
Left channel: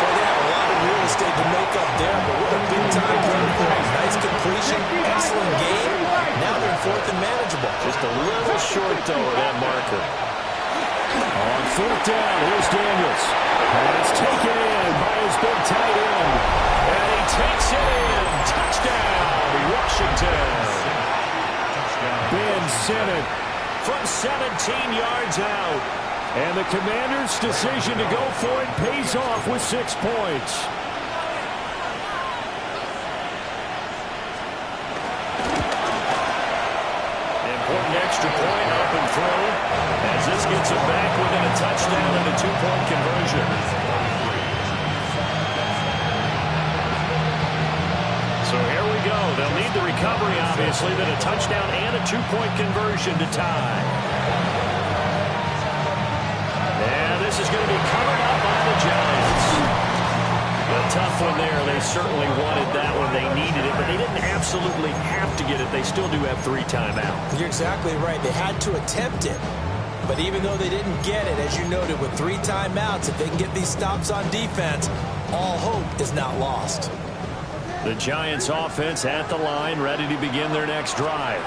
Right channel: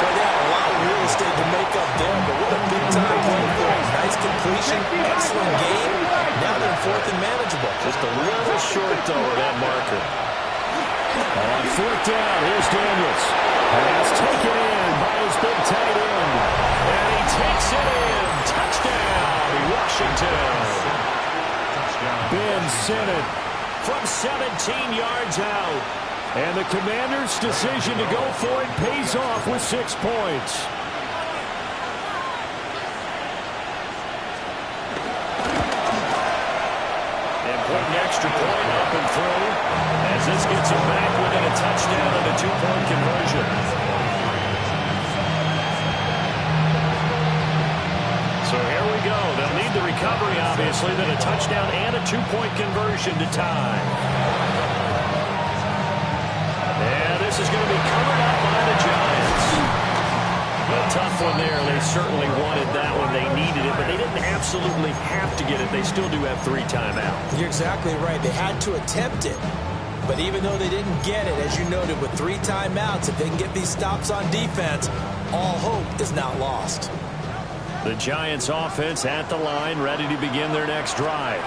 Boy, they had a lot of real estate to make up there, but what a big-time play for him. Nice completion, excellent game. Now they're in fourth and manageable. Just a little short, though, of that marker. On fourth down, here's Daniels. Pass taken in by his big tight end. And he takes it in. Touchdown, Washington. Ben sent it from 17 yards out. And the Commanders' decision to go for it pays off with 6 points. Important extra point up and through as this gets them back within a touchdown and a 2-point conversion. So here we go. They'll need the recovery, obviously, then a touchdown and a 2-point conversion to tie. And this is going to be covered up by the Giants. A tough one there. They certainly wanted that one. They needed it, but they didn't absolutely have to get it. They still do have 3 timeouts. You're exactly right. They had to attempt it. But even though they didn't get it, as you noted, with 3 timeouts, if they can get these stops on defense, all hope is not lost. The Giants offense at the line, ready to begin their next drive.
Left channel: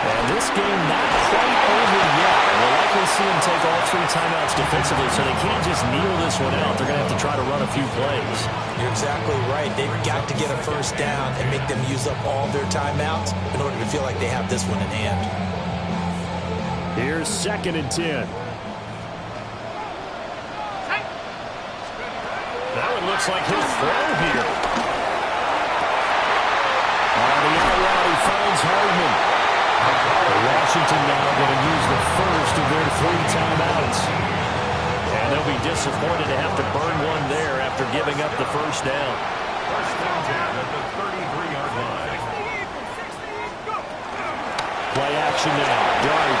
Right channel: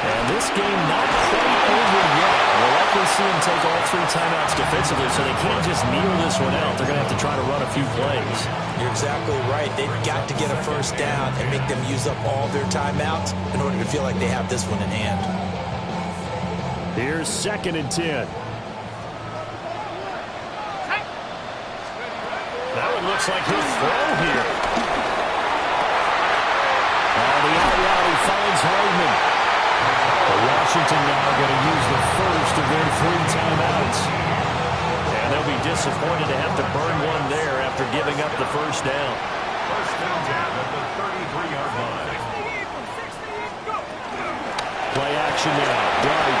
And this game not quite over yet. We'll likely see them take all 3 timeouts defensively, so they can't just kneel this one out. They're going to have to try to run a few plays. You're exactly right. They've got to get a first down and make them use up all their timeouts in order to feel like they have this one in hand. Here's second and 10. That one looks like he'll throw here. On the out route, he finds Hardman. Washington now going to use the first of their 3 timeouts. And they'll be disappointed to have to burn one there after giving up the first down. First and 10 at the 33-yard line. Play action now. Dart.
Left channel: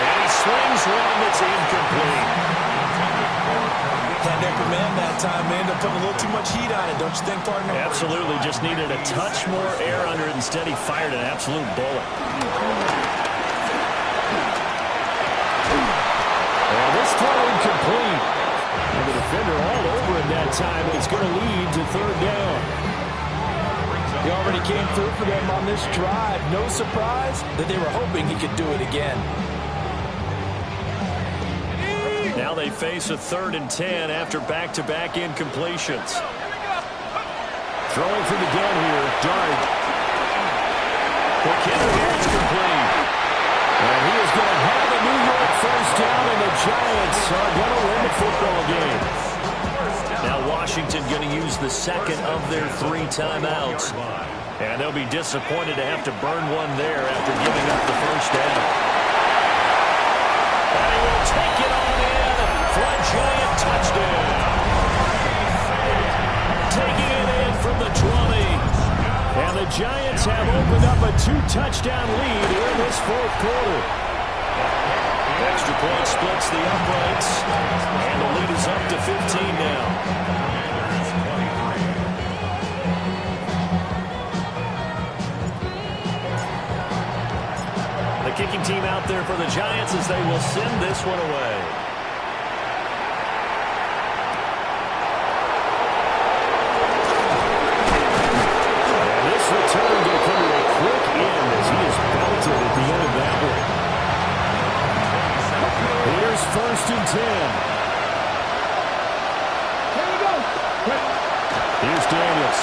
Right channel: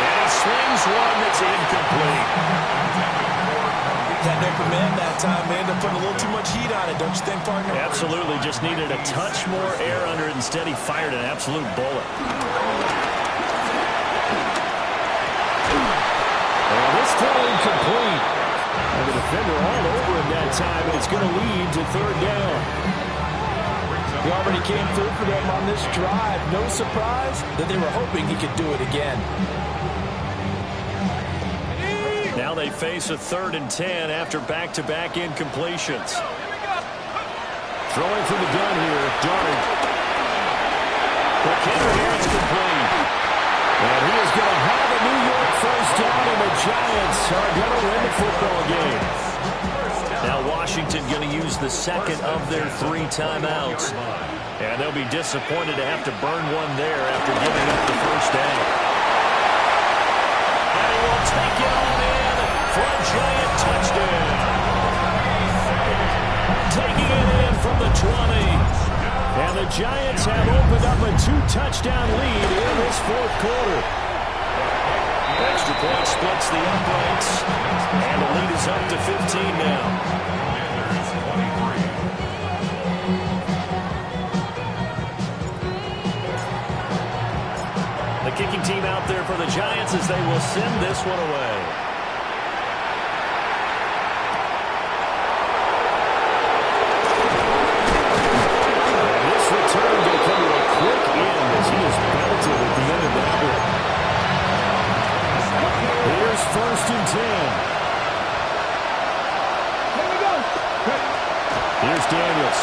And he slings one that's incomplete. Had their command that time. They ended up putting a little too much heat on it, don't you think, partner? Absolutely. Just needed a touch more air under it. Instead, he fired an absolute bullet. And this throw incomplete. And the defender all over him that time, and it's going to lead to third down. He already came through for them on this drive. No surprise that they were hoping he could do it again. Now they face a 3rd and 10 after back-to-back incompletions. Throwing from the gun here, Dart. McKinnon here, it's complete. And he is going to have a New York first down, and the Giants are going to win the football game. Now Washington going to use the second of their 3 timeouts. And they'll be disappointed to have to burn one there after giving up the first down. And he will take it on in for a Giant touchdown. Taking it in from the 20. And the Giants have opened up a 2-touchdown lead in this 4th quarter. Extra point splits the uprights. And the lead is up to 15 now. The kicking team out there for the Giants as they will send this one away. 10. Here we go. Here's Daniels.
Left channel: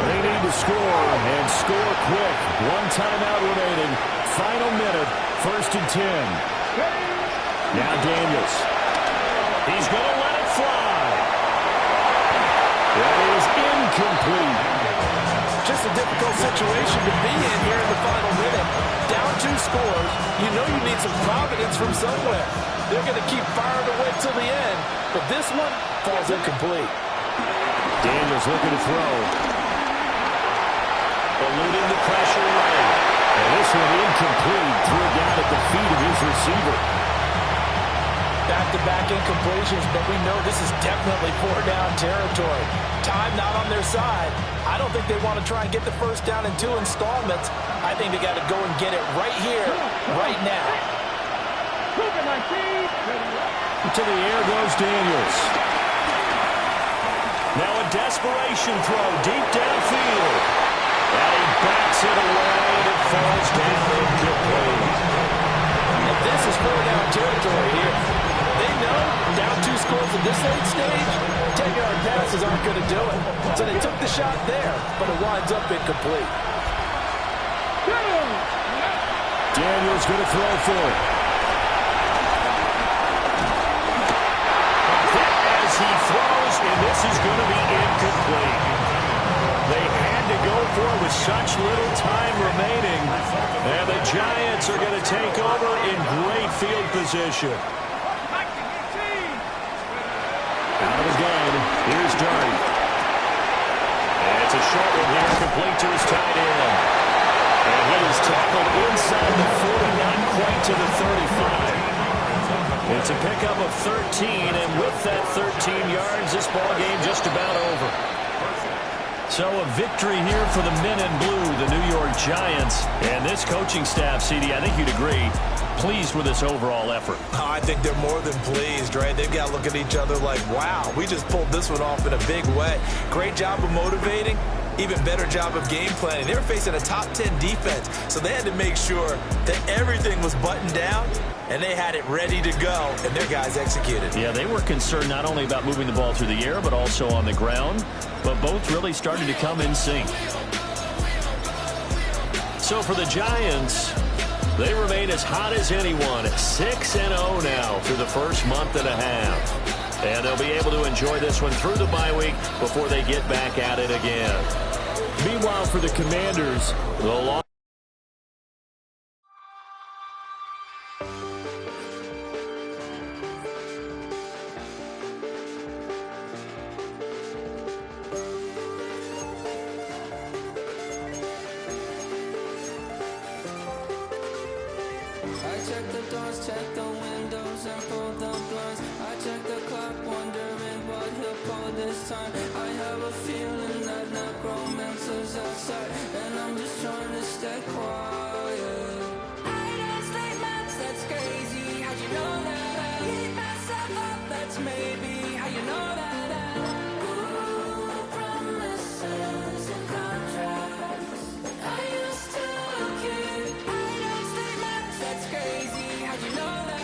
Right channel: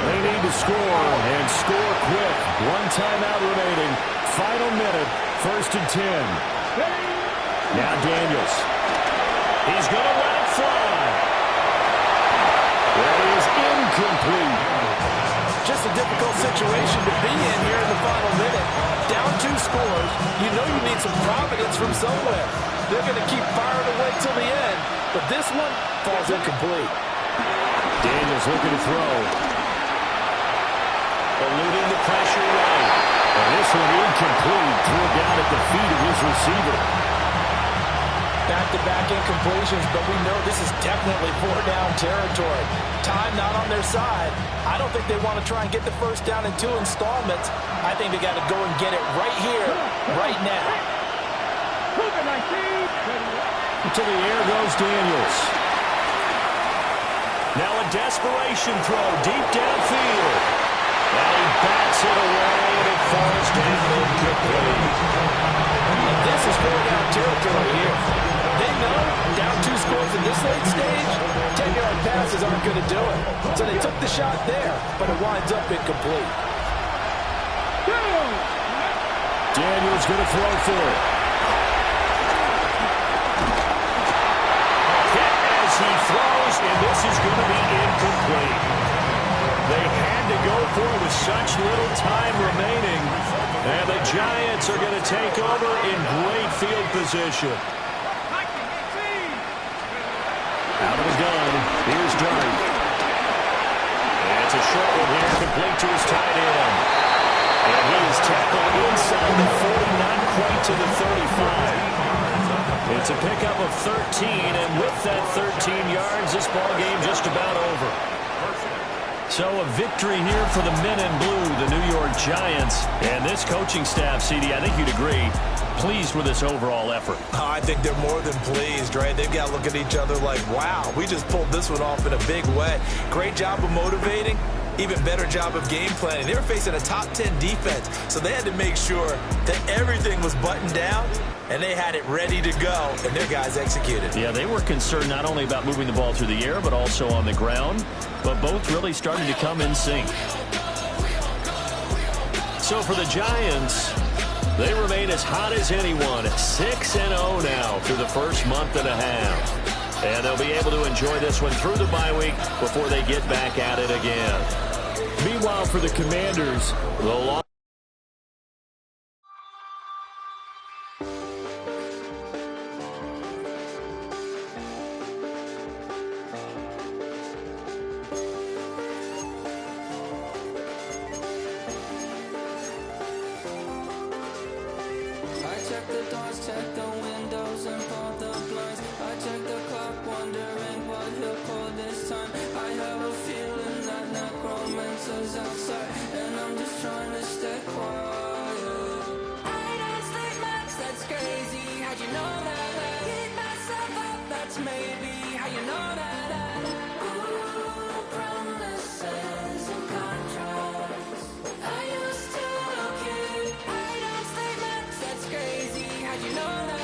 They need to score, and score quick. One timeout remaining. Final minute, 1st and 10. Now Daniels. He's going to let it fly. That is incomplete. Just a difficult situation to be in here in the final minute. Down 2 scores. You know you need some providence from somewhere. They're going to keep firing away till the end, but this one falls incomplete. Daniels looking to throw. Eluding the pressure right. And this one incomplete. Threw it down at the feet of his receiver. Back-to-back incompletions, but we know this is definitely 4-down territory. Time not on their side. I don't think they want to try and get the first down in 2 installments. I think they got to go and get it right here, right now. To the air goes Daniels. Now a desperation throw deep downfield. And he bats it away, and it falls down incomplete. And this is 4-down territory here. They know down 2 scores in this late stage, 10-yard passes aren't going to do it. So they took the shot there, but it winds up incomplete. Daniels going to throw for it. Hit as he throws, and this is going to be incomplete. They had to go for it with such little time remaining. And the Giants are going to take over in great field position. Out of the gun, here's Dart. And it's a short one here, complete to his tight end. And he is tackled inside the 40, not quite to the 35. It's a pickup of 13, and with that 13 yards, this ball game just about over. So a victory here for the men in blue, the New York Giants. And this coaching staff, CD, I think you'd agree, pleased with this overall effort. Oh, I think they're more than pleased, right? They've got to look at each other like, wow, we just pulled this one off in a big way. Great job of motivating. Even better job of game planning. They were facing a top 10 defense, so they had to make sure that everything was buttoned down, and they had it ready to go, and their guys executed. Yeah, they were concerned not only about moving the ball through the air, but also on the ground, but both really started to come in sync. So for the Giants, they remain as hot as anyone, 6-0 now through the first month and a half. And they'll be able to enjoy this one through the bye week before they get back at it again. Meanwhile, for the Commanders, the long I check the doors, check the windows, and pull the blinds. I check the clock, wondering what he'll pull this time. I have a feeling that necromancer's outside, and I'm just trying to stay quiet. I don't sleep much, that's crazy. How'd you know that? Keep myself up, that's maybe how you know that. Ooh, promises and contracts. I used to keep. I don't sleep much, that's crazy. How'd you know that?